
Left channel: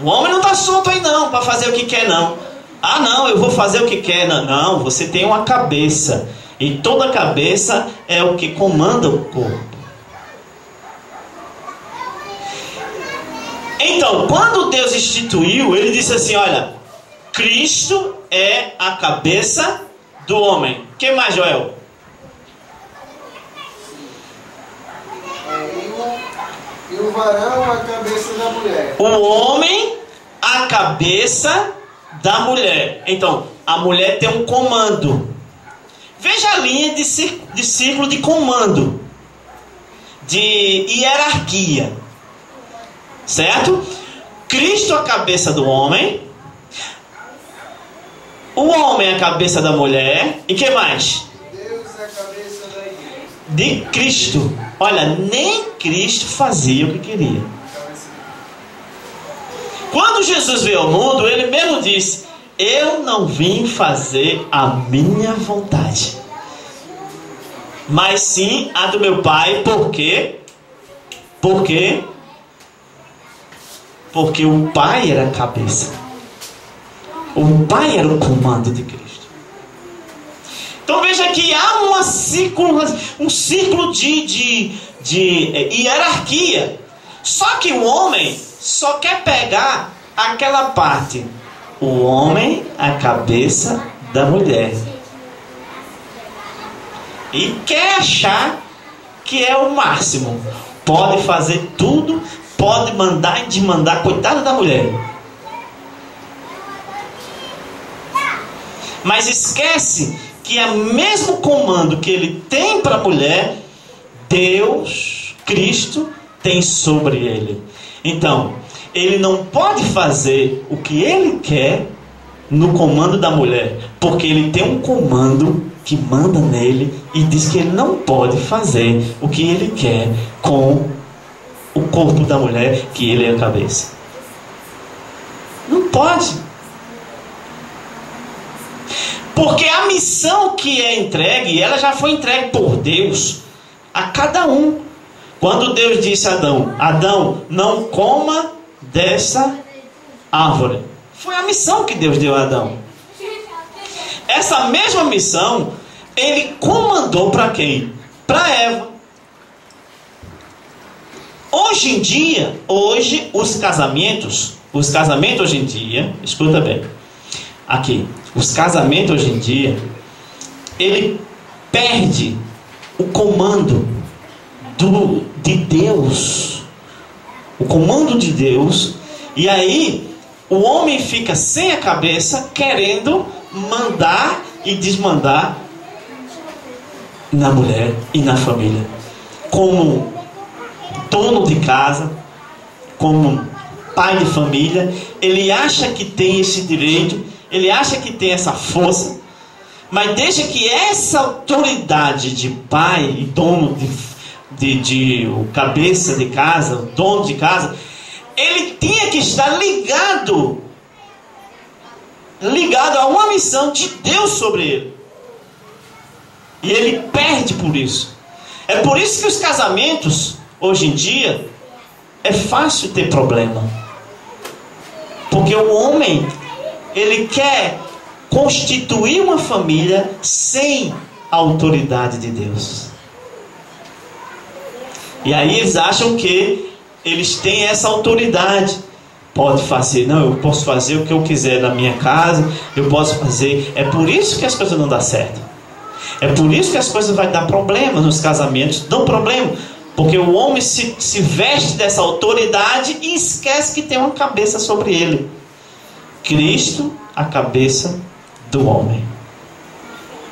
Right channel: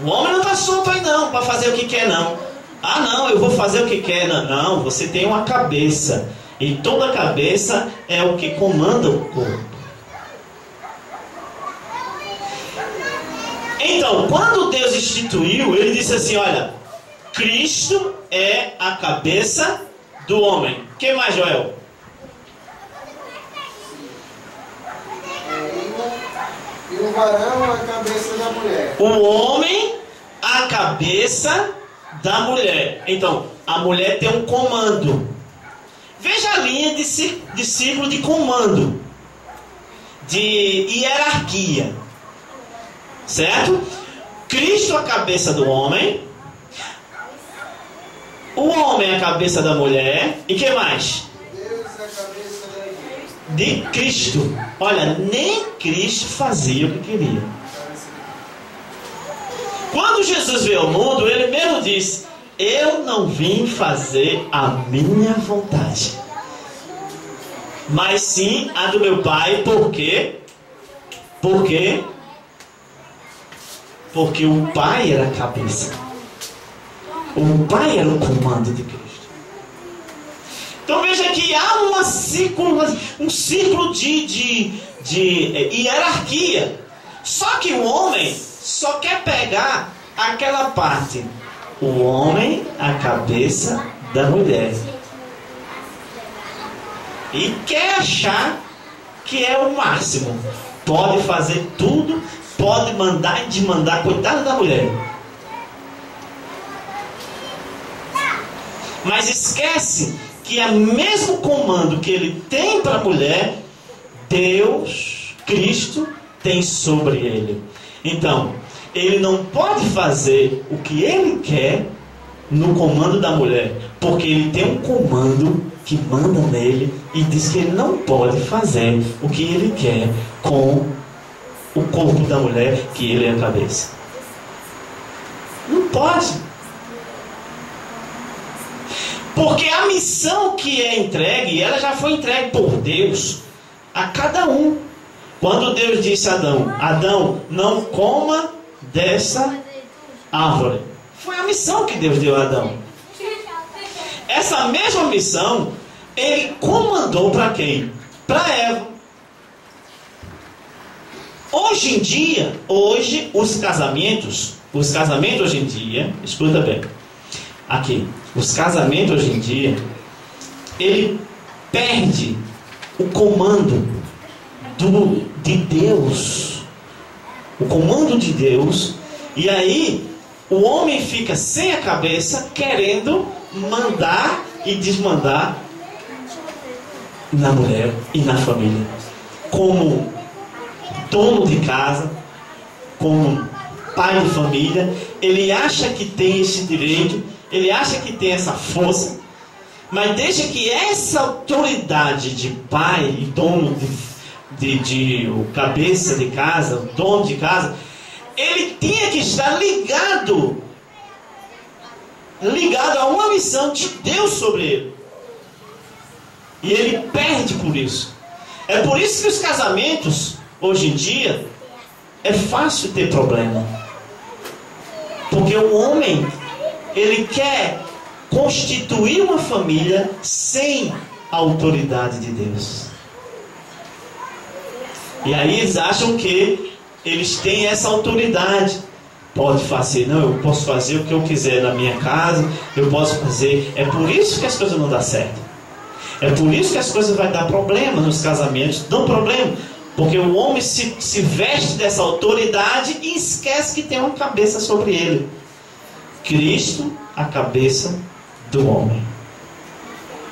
O homem não está solto aí não, para fazer o que quer não. Ah não, eu vou fazer o que quer. Não, você tem uma cabeça. E toda cabeça é o que comanda o corpo. Então, quando Deus instituiu, Ele disse assim, olha, Cristo é a cabeça do homem. O que mais, Joel? E o varão a cabeça da mulher. O homem a cabeça da mulher. Então, a mulher tem um comando. Veja a linha de círculo de comando, de hierarquia, certo? Cristo a cabeça do homem, o homem a cabeça da mulher, e que mais? Deus é a cabeça da igreja. De Cristo. Olha, nem Cristo fazia o que queria. Quando Jesus veio ao mundo, Ele mesmo disse, eu não vim fazer a minha vontade, mas sim a do meu Pai. Por quê? Porque o Pai era a cabeça. O Pai era o comando de Cristo. Então veja que há um círculo de hierarquia. Só que o homem só quer pegar aquela parte. O homem é a cabeça da mulher. E quer achar que é o máximo. Pode fazer tudo, pode mandar e desmandar, coitada da mulher. Mas esquece que é o mesmo comando que ele tem para a mulher, Deus, Cristo, tem sobre ele. Então, ele não pode fazer o que ele quer no comando da mulher, porque ele tem um comando que manda nele e diz que ele não pode fazer o que ele quer com o corpo da mulher, que ele é a cabeça. Não pode. Porque a missão que é entregue, ela já foi entregue por Deus a cada um. Quando Deus disse a Adão, Adão, não coma dessa árvore. Foi a missão que Deus deu a Adão. Essa mesma missão, Ele comandou para quem? Para Eva. Hoje em dia, os casamentos hoje em dia, escuta bem, aqui, os casamentos hoje em dia, ele perde o comando de Deus, o comando de Deus, e aí o homem fica sem a cabeça, querendo mandar e desmandar na mulher e na família, como dono de casa, como pai de família. Ele acha que tem esse direito, ele acha que tem essa força, mas deixa que essa autoridade de pai e dono de cabeça de casa, dono de casa, ele tinha que estar ligado a uma missão de Deus sobre ele. E ele perde por isso. É por isso que os casamentos, hoje em dia, é fácil ter problema. Porque o homem, ele quer constituir uma família sem a autoridade de Deus. E aí eles acham que eles têm essa autoridade. Pode fazer, não, eu posso fazer o que eu quiser na minha casa, eu posso fazer. É por isso que as coisas não dão certo. É por isso que as coisas vão dar problema nos casamentos. Dão problema. Porque o homem se veste dessa autoridade e esquece que tem uma cabeça sobre ele. Cristo, a cabeça do homem.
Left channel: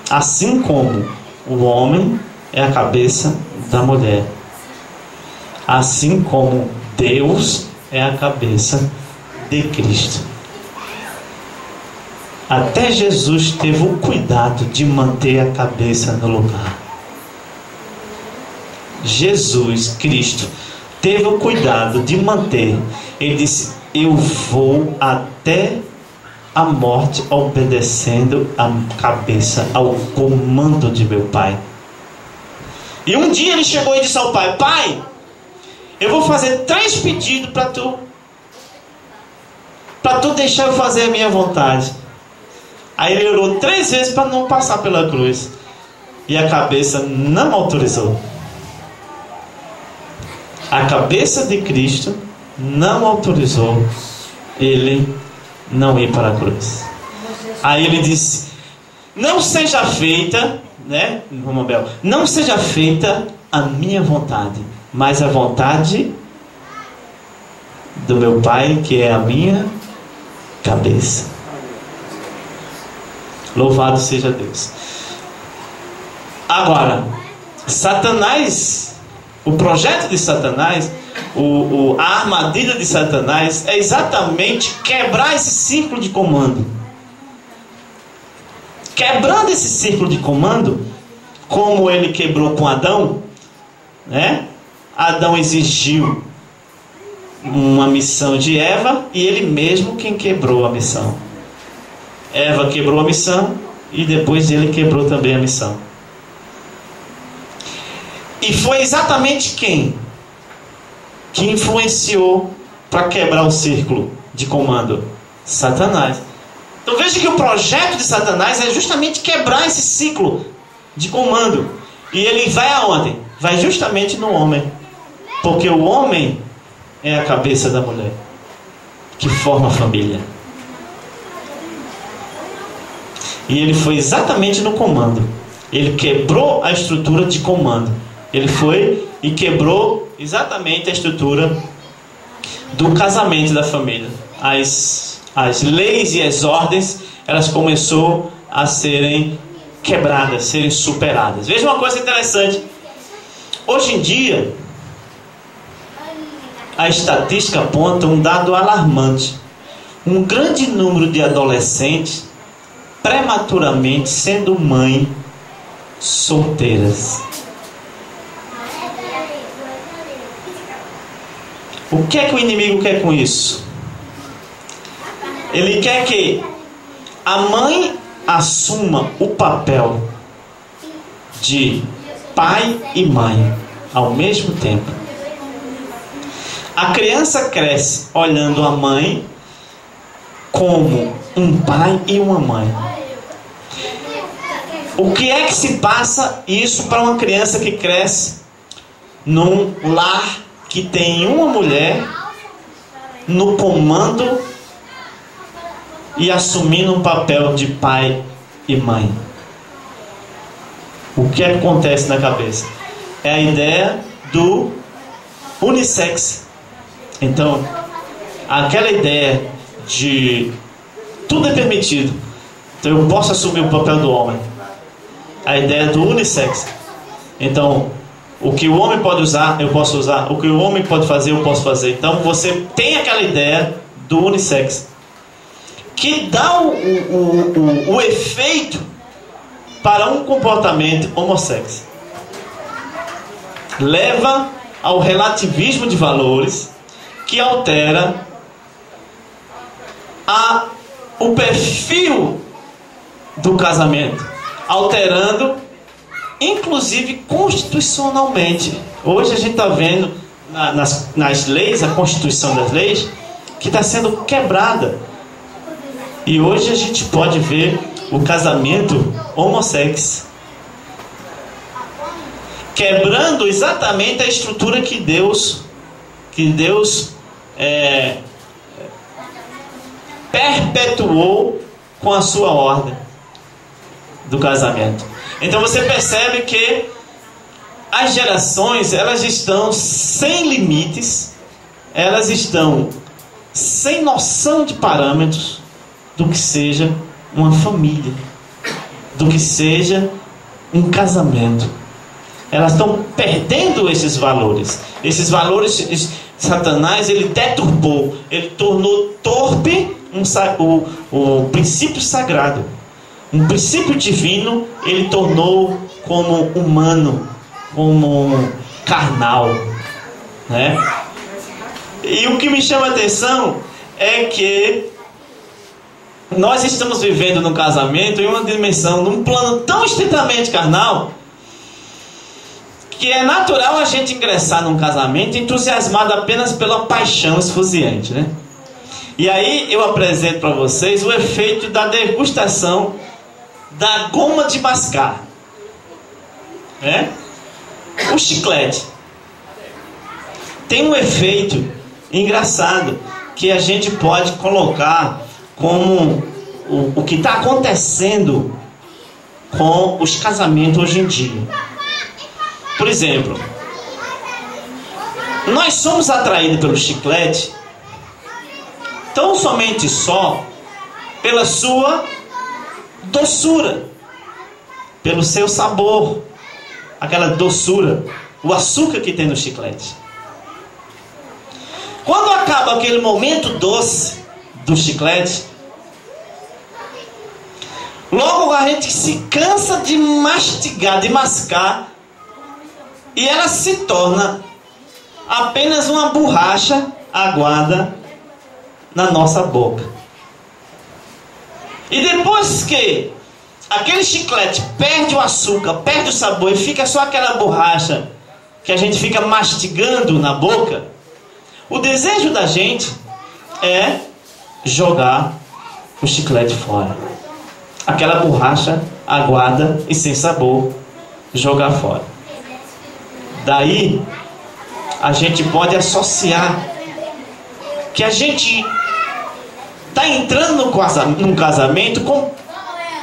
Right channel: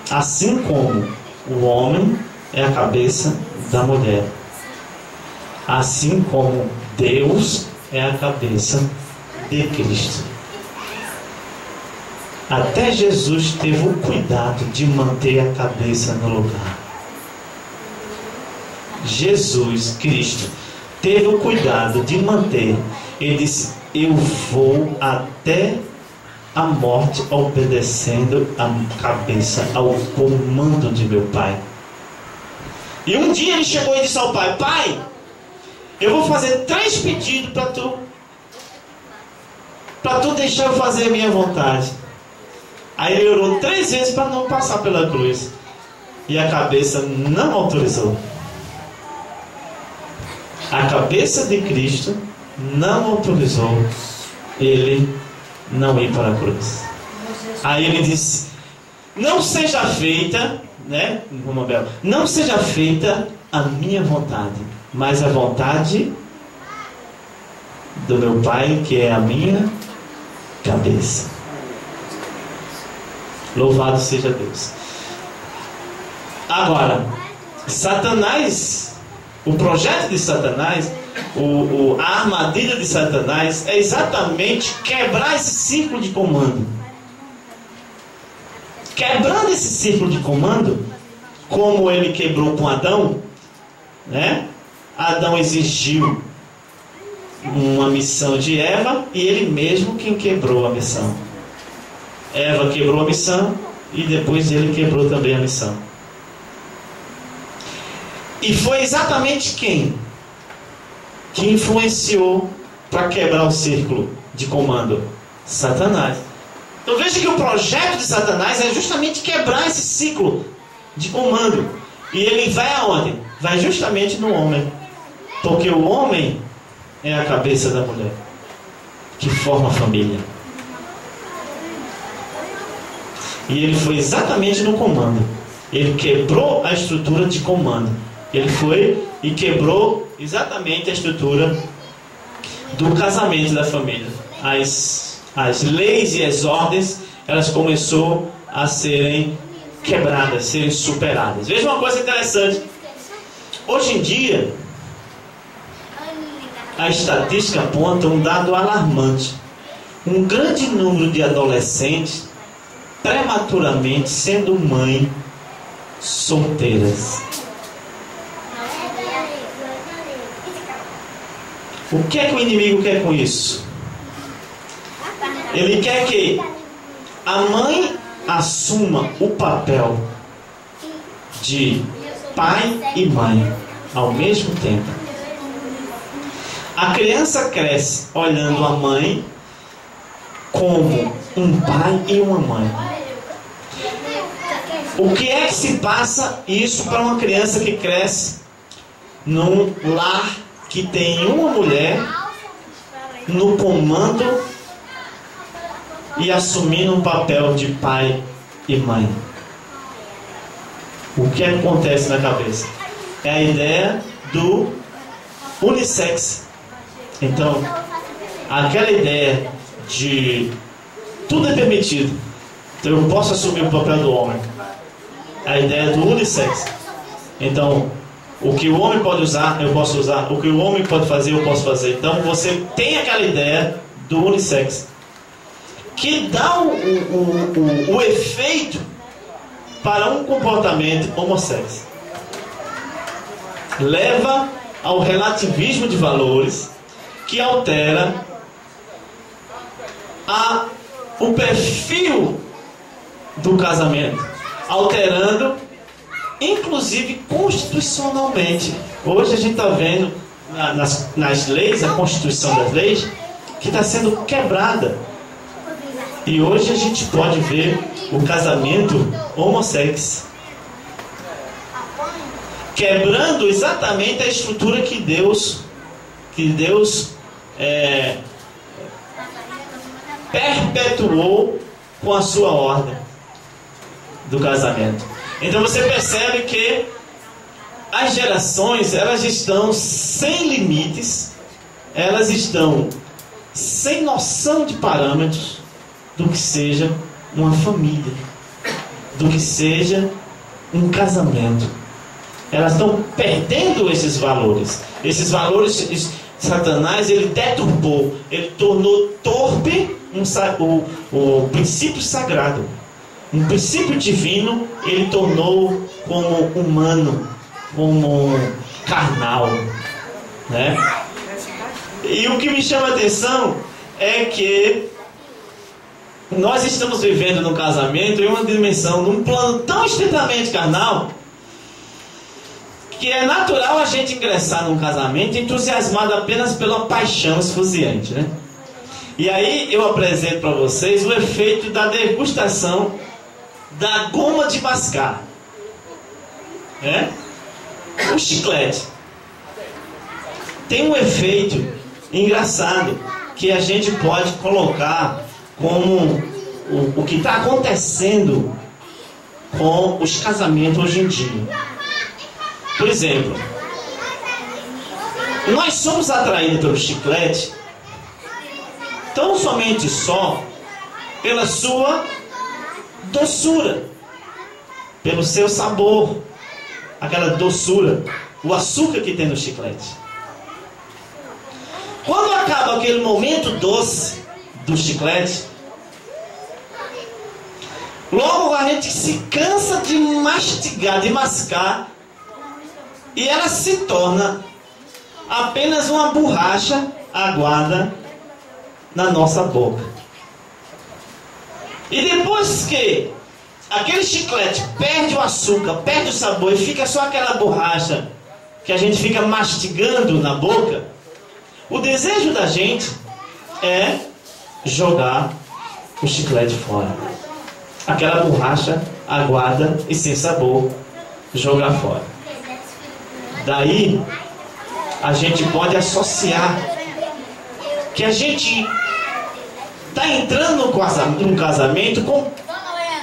Assim como o homem é a cabeça da mulher, assim como Deus é a cabeça de Cristo. Até Jesus teve o cuidado de manter a cabeça no lugar. Jesus Cristo teve o cuidado de manter. Ele disse: eu vou até a morte obedecendo a cabeça ao comando de meu Pai. E um dia ele chegou e disse ao Pai: Pai, eu vou fazer 3 pedidos para tu deixar eu fazer a minha vontade. Aí ele orou 3 vezes para não passar pela cruz, e a cabeça não autorizou. A cabeça de Cristo não autorizou ele não ir para a cruz. Aí ele disse: não seja feita, né, não seja feita a minha vontade, mas a vontade do meu Pai, que é a minha cabeça. Louvado seja Deus. Agora, Satanás, o projeto de Satanás, a armadilha de Satanás é exatamente quebrar esse círculo de comando. Quebrando esse círculo de comando, como ele quebrou com Adão, né? Adão exigiu uma missão de Eva e ele mesmo quem quebrou a missão. Eva quebrou a missão e depois ele quebrou também a missão. E foi exatamente quem que influenciou para quebrar o círculo de comando? Satanás. Então veja que o projeto de Satanás é justamente quebrar esse ciclo de comando. E ele vai aonde? Vai justamente no homem. Porque o homem é a cabeça da mulher, que forma a família. E ele foi exatamente no comando. Ele quebrou a estrutura de comando. Ele foi e quebrou exatamente a estrutura do casamento da família. As leis e as ordens, elas começaram a serem quebradas, serem superadas. Veja uma coisa interessante. Hoje em dia, a estatística aponta um dado alarmante. Um grande número de adolescentes prematuramente sendo mãe solteiras. O que é que o inimigo quer com isso? Ele quer que a mãe assuma o papel de pai e mãe ao mesmo tempo. A criança cresce olhando a mãe como um pai e uma mãe. O que é que se passa isso para uma criança que cresce num lar que tem uma mulher no comando e assumindo um papel de pai e mãe? O que acontece na cabeça? É a ideia do unissex. Então, aquela ideia de tudo é permitido, então eu posso assumir o papel do homem. A ideia do unissex. Então, o que o homem pode usar, eu posso usar. O que o homem pode fazer, eu posso fazer. Então, você tem aquela ideia do unissex, que dá o efeito para um comportamento homossexual. Leva ao relativismo de valores, que altera o perfil do casamento, alterando inclusive constitucionalmente. Hoje a gente está vendo nas leis, a constituição das leis, que está sendo quebrada. E hoje a gente pode ver o casamento homossexual, quebrando exatamente a estrutura que Deus perpetuou com a sua ordem do casamento. Então você percebe que as gerações, elas estão sem limites, elas estão sem noção de parâmetros do que seja uma família, do que seja um casamento. Elas estão perdendo esses valores. Esses valores, Satanás, ele deturbou, ele tornou torpe o princípio sagrado. Um princípio divino, ele tornou como humano, como carnal, né? E o que me chama a atenção é que nós estamos vivendo num casamento em uma dimensão, num plano tão estritamente carnal, que é natural a gente ingressar num casamento entusiasmado apenas pela paixão esfuziante, né? E aí eu apresento para vocês o efeito da degustação da goma de mascar, né? O chiclete tem um efeito engraçado que a gente pode colocar como o que está acontecendo com os casamentos hoje em dia. Por exemplo, nós somos atraídos pelo chiclete tão somente só pela sua doçura, pelo seu sabor, aquela doçura, o açúcar que tem no chiclete. Quando acaba aquele momento doce do chiclete, logo a gente se cansa de mastigar, de mascar, e ela se torna apenas uma borracha aguada na nossa boca. E depois que aquele chiclete perde o açúcar, perde o sabor e fica só aquela borracha que a gente fica mastigando na boca, o desejo da gente é jogar o chiclete fora. Aquela borracha aguada e sem sabor, jogar fora. Daí a gente pode associar que a gente está entrando num casamento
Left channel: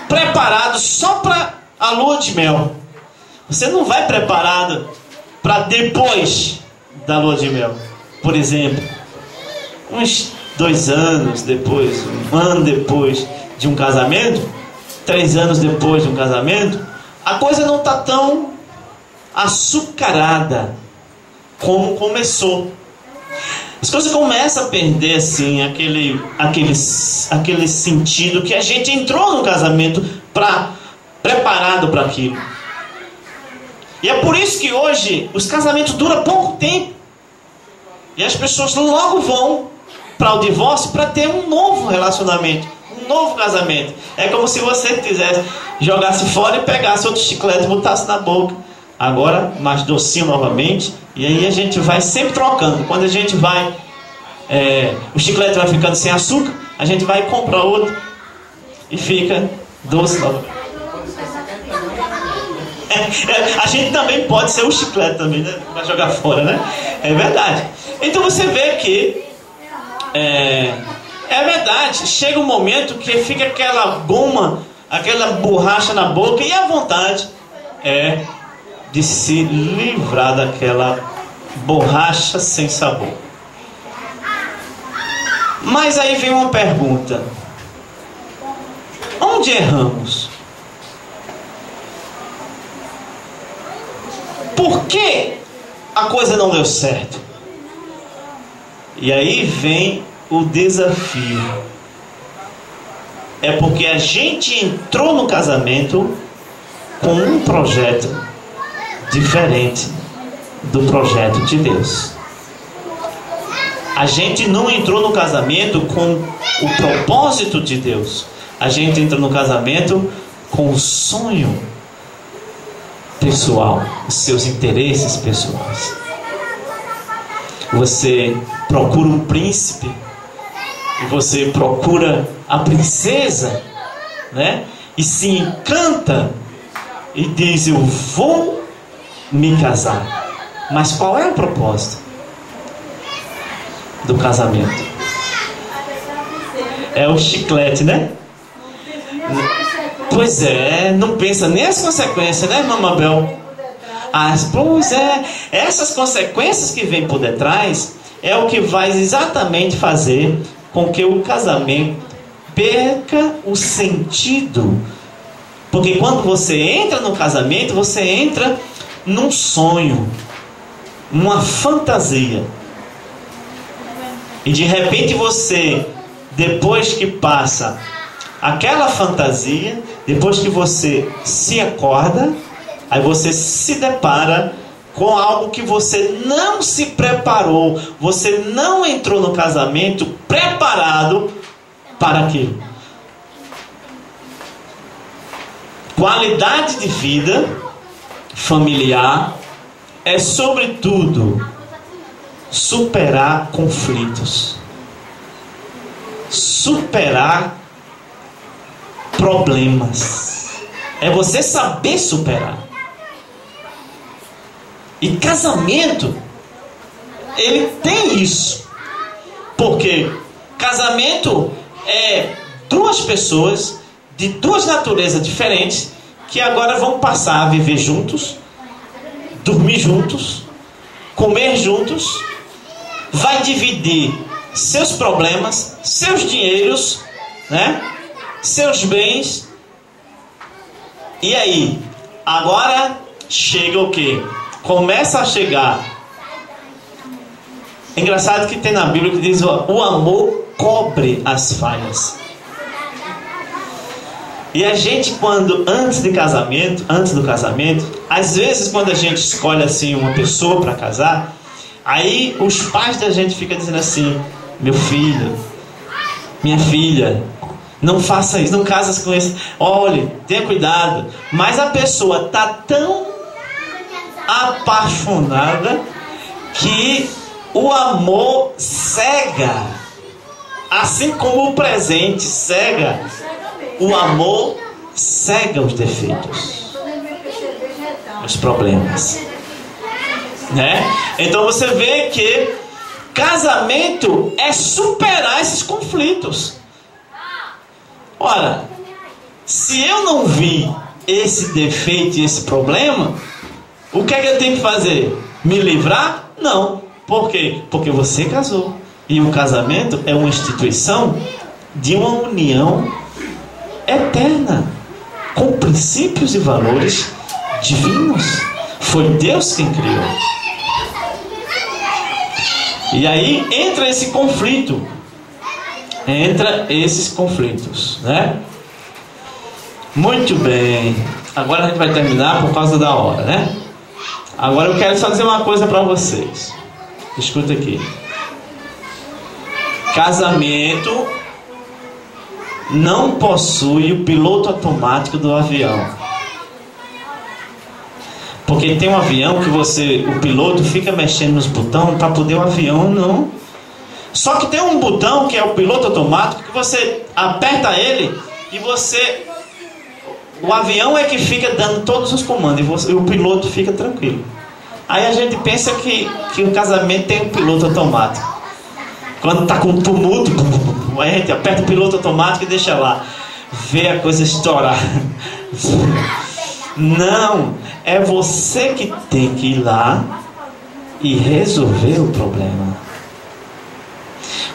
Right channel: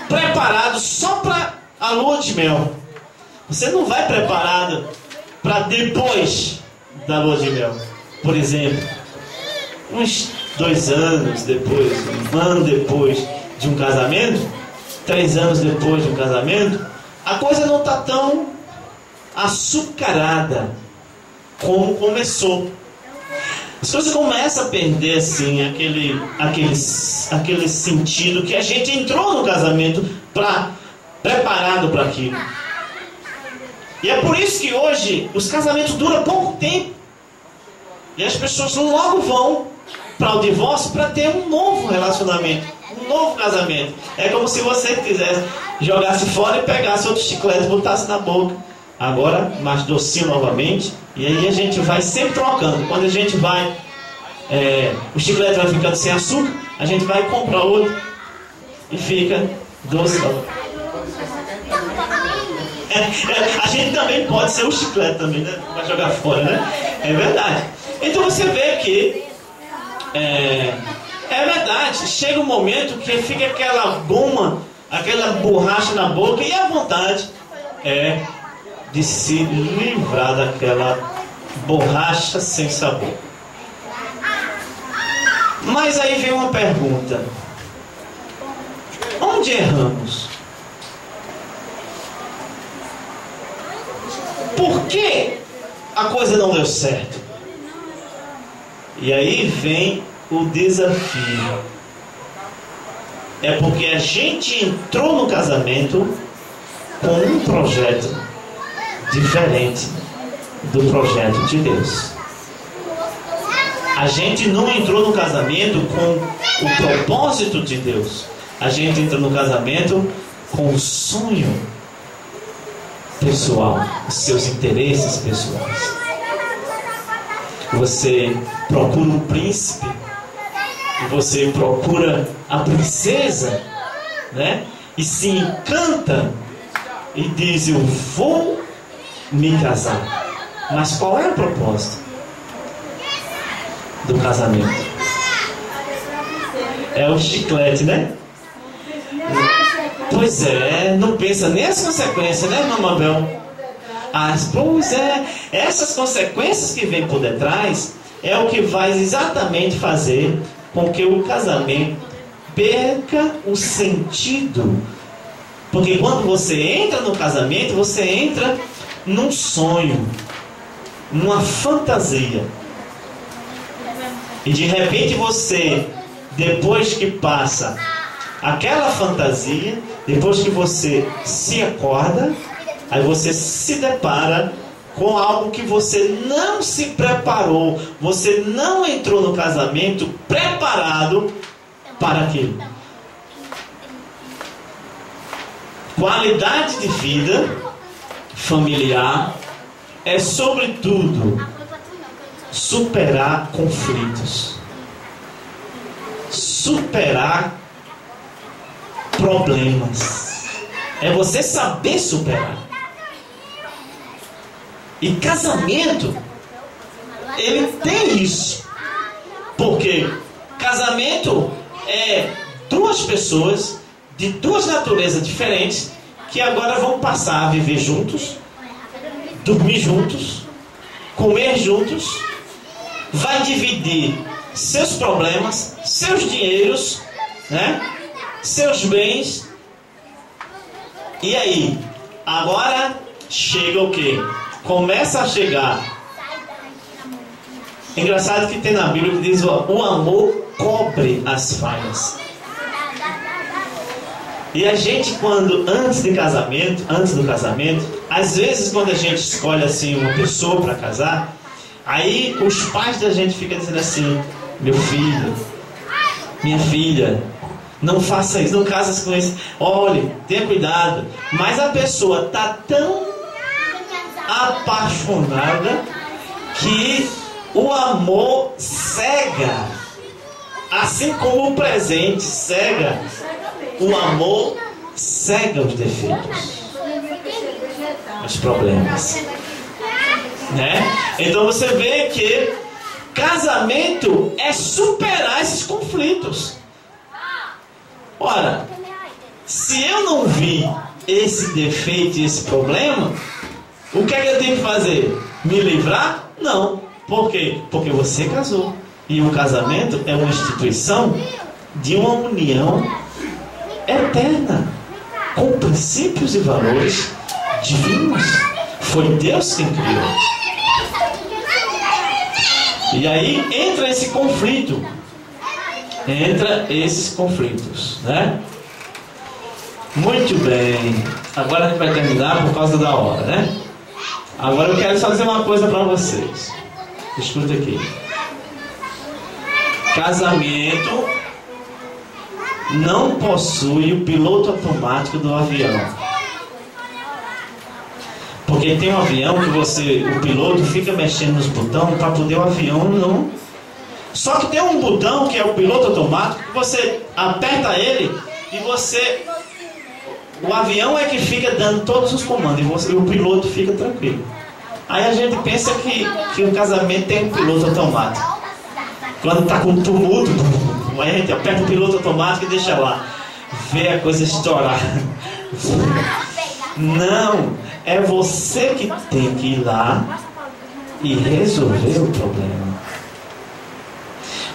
preparado só para a lua de mel. Você não vai preparado para depois da lua de mel. Por exemplo, uns 2 anos depois, 1 ano depois de um casamento, 3 anos depois de um casamento, a coisa não está tão açucarada como começou. As coisas começam a perder assim aquele sentido que a gente entrou no casamento preparado para aquilo. E é por isso que hoje os casamentos duram pouco tempo e as pessoas logo vão para o divórcio para ter um novo relacionamento, um novo casamento. É como se você quisesse jogasse fora e pegasse outro chiclete e botasse na boca. Agora mais docinho novamente. E aí a gente vai sempre trocando. Quando a gente vai o chiclete vai ficando sem açúcar, a gente vai comprar outro e fica doce. A gente também pode ser o chiclete também, né? Vai jogar fora, né? É verdade. Então você vê que é verdade. Chega um momento que fica aquela goma, aquela borracha na boca, e a vontade é de se livrar daquela borracha sem sabor. Mas aí vem uma pergunta: onde erramos? Por que a coisa não deu certo? E aí vem o desafio. É porque a gente entrou no casamento com um projeto diferente do projeto de Deus. A gente não entrou no casamento com o propósito de Deus. A gente entra no casamento com o sonho pessoal, os seus interesses pessoais. Você procura um príncipe, você procura a princesa, né? E se encanta e diz: eu vou me casar. Mas qual é o propósito do casamento? É o chiclete, né? Pois é, não pensa nem as consequências, né, irmã Mabel? Pois é, essas consequências que vêm por detrás é o que vai exatamente fazer com que o casamento perca o sentido Porque quando você entra no casamento, você entra num sonho, numa fantasia. E de repente você, depois que passa aquela fantasia, depois que você se acorda, aí você se depara com algo que você não se preparou. Você não entrou no casamento preparado para aquilo. Qualidade de vida familiar é, sobretudo, superar conflitos, superar problemas. É você saber superar. E casamento, ele tem isso. Porque casamento é duas pessoas de duas naturezas diferentes que agora vão passar a viver juntos, dormir juntos, comer juntos, vai dividir seus problemas, seus dinheiros, né? Seus bens. E aí, agora chega o quê? Começa a chegar. É engraçado que tem na Bíblia que diz: o amor cobre as falhas. E a gente, quando antes do casamento, às vezes quando a gente escolhe assim uma pessoa para casar, aí os pais da gente ficam dizendo assim: meu filho, minha filha, não faça isso, não casa com isso, olhe, tenha cuidado. Mas a pessoa está tão apaixonada que o amor cega, assim como o presente cega. O amor cega os defeitos, os problemas, né? Então você vê que casamento é superar esses conflitos. Ora, se eu não vi esse defeito e esse problema, o que é que eu tenho que fazer? Me livrar? Não. Por quê? Porque você casou. E o casamento é uma instituição de uma união eterna, com princípios e valores divinos. Foi Deus quem criou. E aí entra esse conflito. Entra esses conflitos, né? Muito bem. Agora a gente vai terminar por causa da hora, né? Agora eu quero só dizer uma coisa para vocês. Escuta aqui. Casamento não possui o piloto automático do avião. Porque tem um avião que o piloto fica mexendo nos botões para poder o avião não. Só que tem um botão que é o piloto automático, que você aperta ele e o avião é que fica dando todos os comandos e o piloto fica tranquilo. Aí a gente pensa que o casamento tem um piloto automático. Quando está com tumulto, aí a gente aperta o piloto automático e deixa lá, vê a coisa estourar. Não, é você que tem que ir lá e resolver o problema.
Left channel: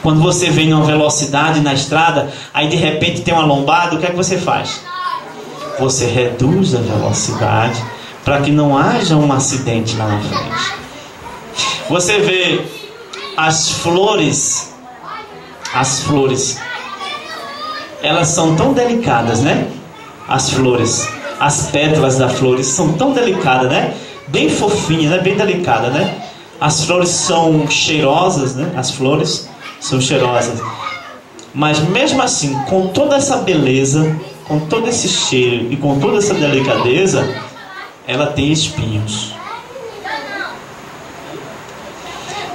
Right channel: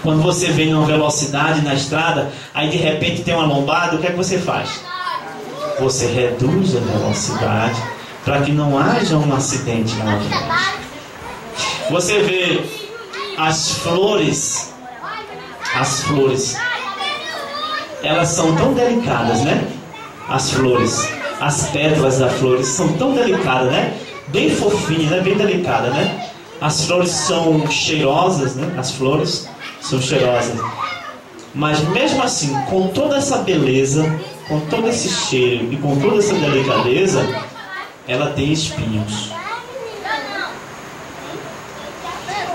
Quando você vem numa velocidade na estrada, aí de repente tem uma lombada, o que é que você faz? Você reduz a velocidade para que não haja um acidente lá na frente. Você vê as flores, elas são tão delicadas, né? As flores, as pétalas das flores são tão delicadas, né? Bem fofinhas, né? Bem delicadas, né? As flores são cheirosas, né? As flores são cheirosas. Mas mesmo assim, com toda essa beleza, com todo esse cheiro e com toda essa delicadeza, ela tem espinhos.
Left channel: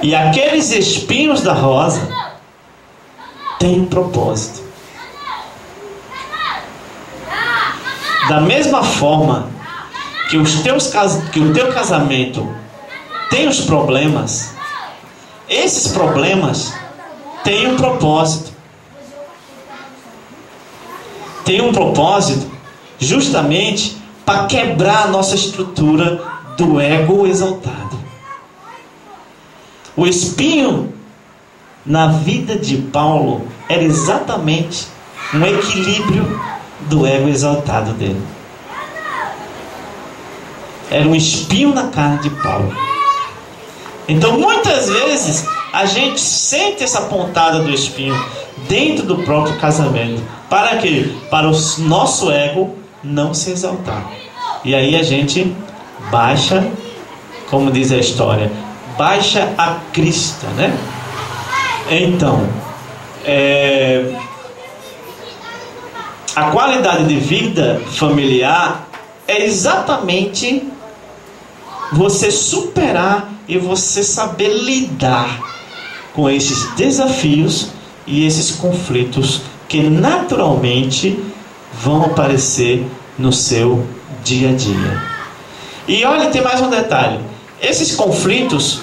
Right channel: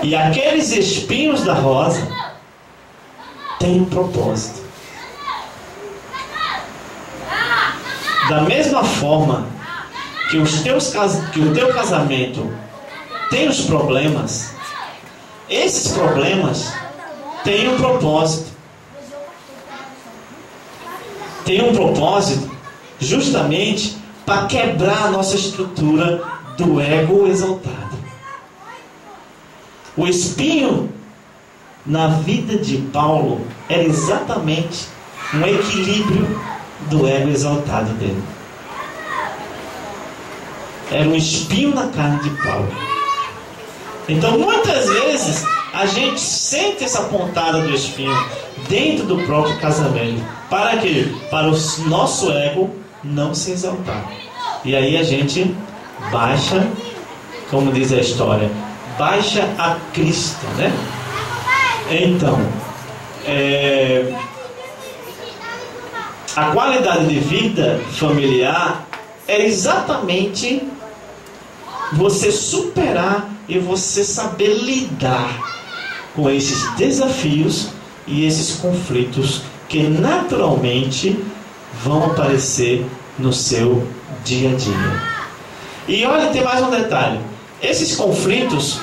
E aqueles espinhos da rosa têm um propósito. Da mesma forma que o teu casamento tem os problemas, esses problemas têm um propósito. Tem um propósito justamente para quebrar a nossa estrutura do ego exaltado. O espinho na vida de Paulo era exatamente um equilíbrio do ego exaltado dele. era um espinho na carne de Paulo. Então muitas vezes a gente sente essa pontada do espinho dentro do próprio casamento. Para quê? Para o nosso ego não se exaltar. E aí a gente baixa, como diz a história, baixa a Cristo, né? Então, a qualidade de vida familiar é exatamente você superar e você saber lidar com esses desafios e esses conflitos que naturalmente vão aparecer no seu dia a dia. E olha, tem mais um detalhe. Esses conflitos,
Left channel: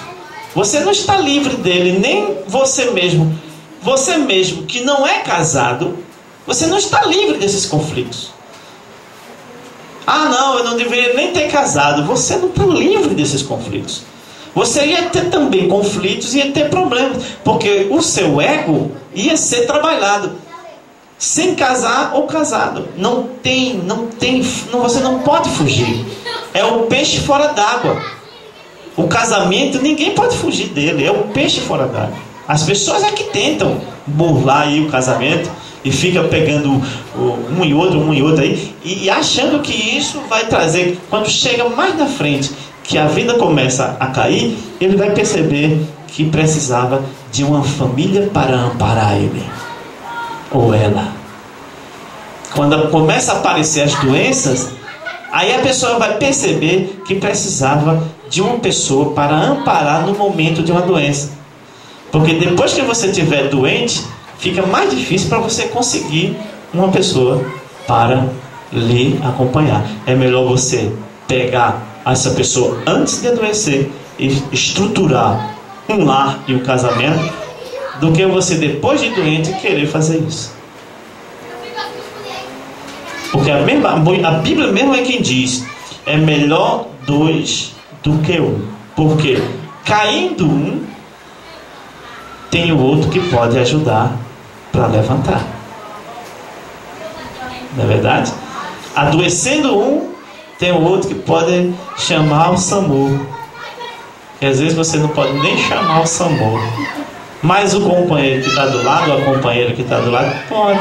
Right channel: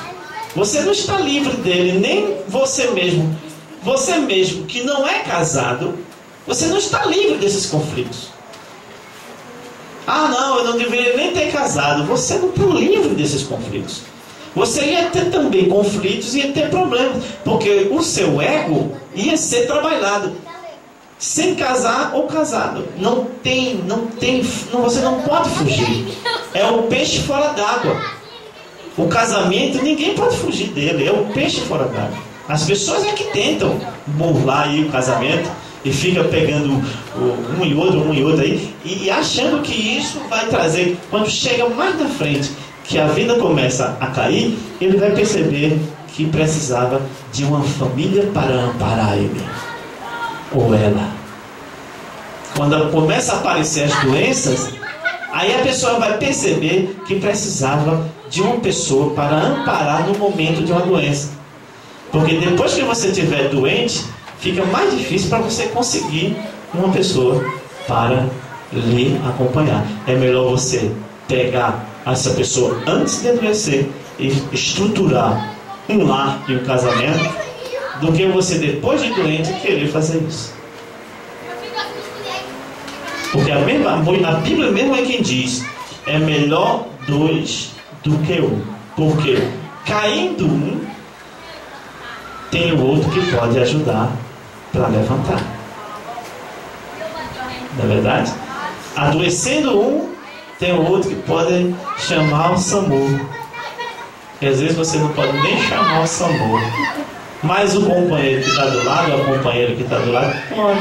você não está livre dele, nem você mesmo. Você mesmo que não é casado, você não está livre desses conflitos. Ah, não, eu não deveria nem ter casado. Você não está livre desses conflitos. Você ia ter também conflitos, ia ter problemas, porque o seu ego ia ser trabalhado. Sem casar ou casado. Você não pode fugir. É o peixe fora d'água. O casamento, ninguém pode fugir dele. É o peixe fora d'água. As pessoas é que tentam burlar aí o casamento e fica pegando um e outro aí, e achando que isso vai trazer, quando chega mais na frente, que a vida começa a cair, ele vai perceber que precisava de uma família para amparar ele ou ela. Quando começa a aparecer as doenças, aí a pessoa vai perceber que precisava de uma pessoa para amparar no momento de uma doença. Porque depois que você estiver doente, fica mais difícil para você conseguir uma pessoa para lhe acompanhar. É melhor você pegar essa pessoa antes de adoecer e estruturar um lar e um casamento, do que você depois de doente querer fazer isso. Porque a Bíblia mesmo é quem diz: é melhor dois do que um. Porque caindo um, tem o outro que pode ajudar para levantar. Não é verdade? Adoecendo um, tem o outro que pode chamar o SAMU. E às vezes você não pode nem chamar o SAMU, mas o companheiro que está do lado, ou a companheira que está do lado, pode.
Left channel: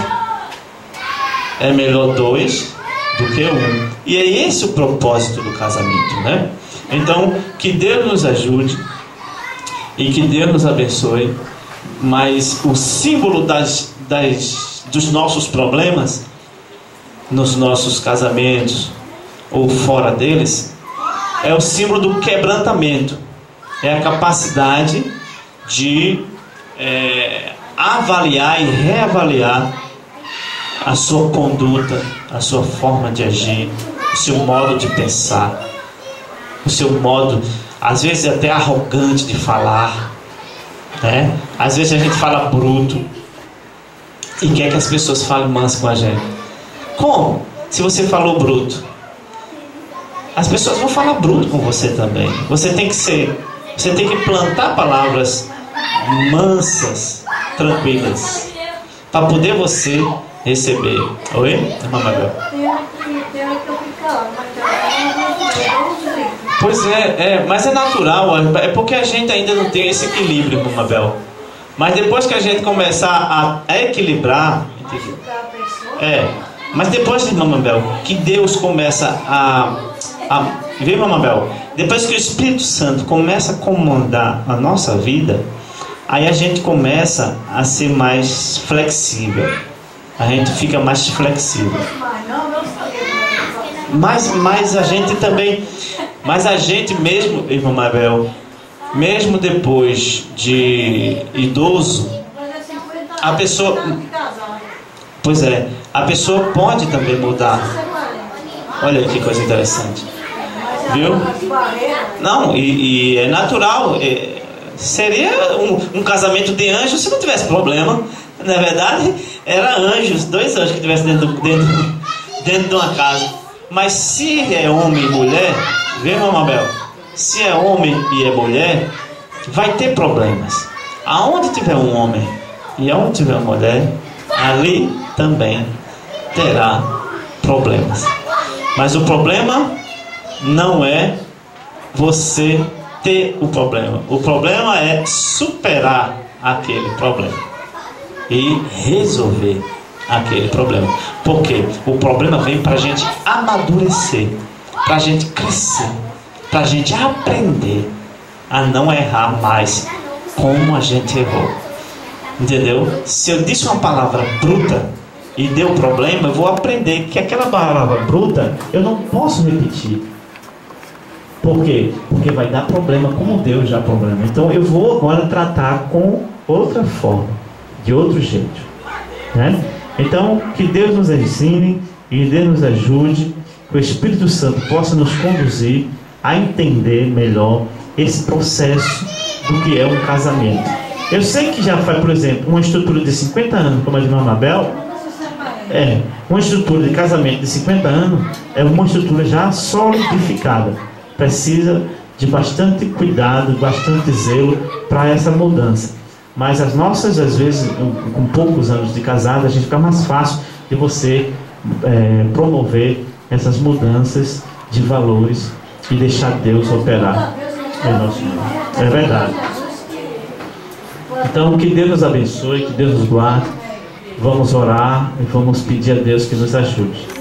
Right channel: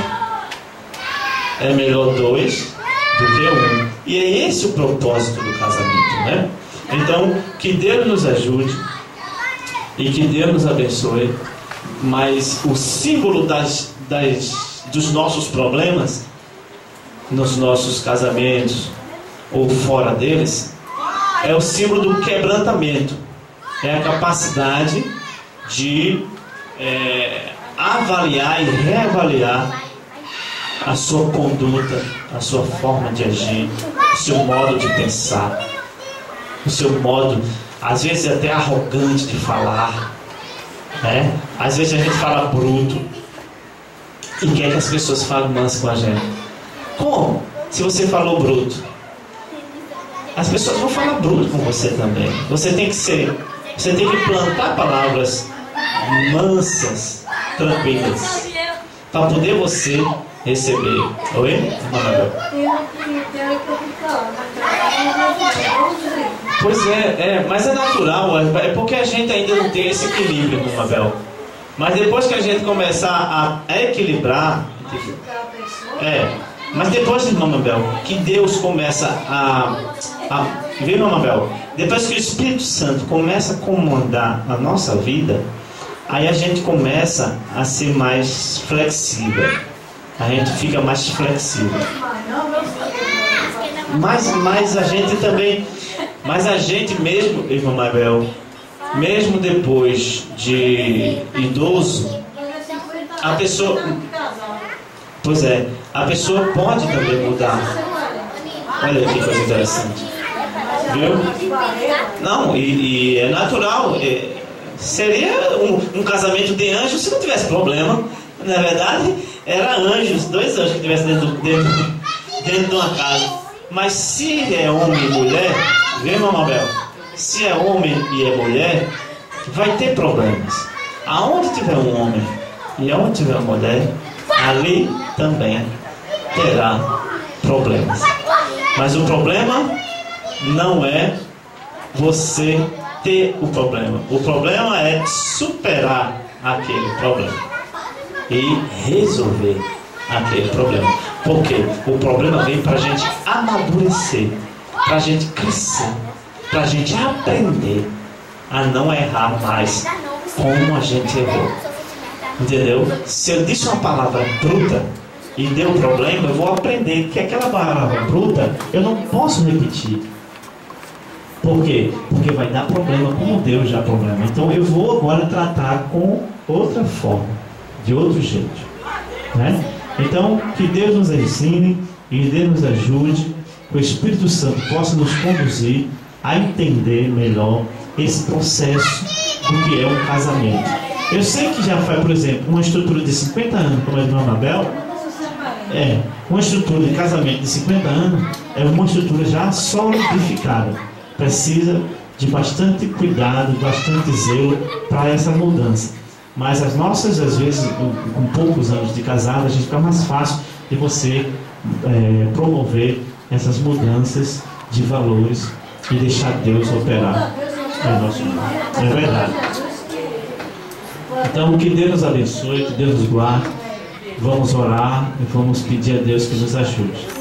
É melhor dois do que um. E é esse o propósito do casamento, né? Então, que Deus nos ajude e que Deus nos abençoe. Mas o símbolo dos nossos problemas nos nossos casamentos ou fora deles é o símbolo do quebrantamento. É a capacidade de avaliar e reavaliar a sua conduta, a sua forma de agir, o seu modo de pensar, o seu modo, às vezes até arrogante de falar, né? Às vezes a gente fala bruto e quer que as pessoas falem manso com a gente. Como? Se você falou bruto, as pessoas vão falar bruto com você também. Você tem que plantar palavras mansas, tranquilas, para poder você receber. Oi? Pois mas é natural, é porque a gente ainda não tem esse equilíbrio, Mabel. Mas depois que a gente começar a equilibrar, mas depois de Mabel, que Deus começa viu, Mabel? Depois que o Espírito Santo começa a comandar a nossa vida, aí a gente começa a ser mais flexível. A gente fica mais flexível. Mas a gente também, mas a gente mesmo, irmã Mabel, mesmo depois de idoso, a pessoa, a pessoa pode também mudar. Olha que coisa interessante, viu? Não, e é natural. Seria um casamento de anjos se não tivesse problema. Na verdade, era anjos, 2 anjos que estivessem dentro de uma casa. Mas se é homem e mulher, viu, Mabel? Se é homem e é mulher, vai ter problemas. Aonde tiver um homem e aonde tiver uma mulher, ali também terá problemas. Mas o problema não é você ter o problema. O problema é superar aquele problema e resolver aquele problema. Porque o problema vem para a gente amadurecer, para a gente crescer, para a gente aprender a não errar mais como a gente errou. Entendeu? Se eu disse uma palavra bruta e deu problema, eu vou aprender que aquela palavra bruta eu não posso repetir. Por quê? Porque vai dar problema como Deus dá problema. Então eu vou agora tratar com outra forma, de outro jeito, né? Então que Deus nos ensine e Deus nos ajude, que o Espírito Santo possa nos conduzir a entender melhor esse processo do que é um casamento. Eu sei que já faz, por exemplo, uma estrutura de 50 anos, como a de Mabel, uma estrutura de casamento de 50 anos é uma estrutura já solidificada. Precisa de bastante cuidado, bastante zelo para essa mudança. Mas as nossas, às vezes, com poucos anos de casado, a gente fica mais fácil de você promover essas mudanças de valores e deixar Deus operar em nosso mundo. É verdade. Então, que Deus nos abençoe, que Deus nos guarde. Vamos orar e vamos pedir a Deus que nos ajude.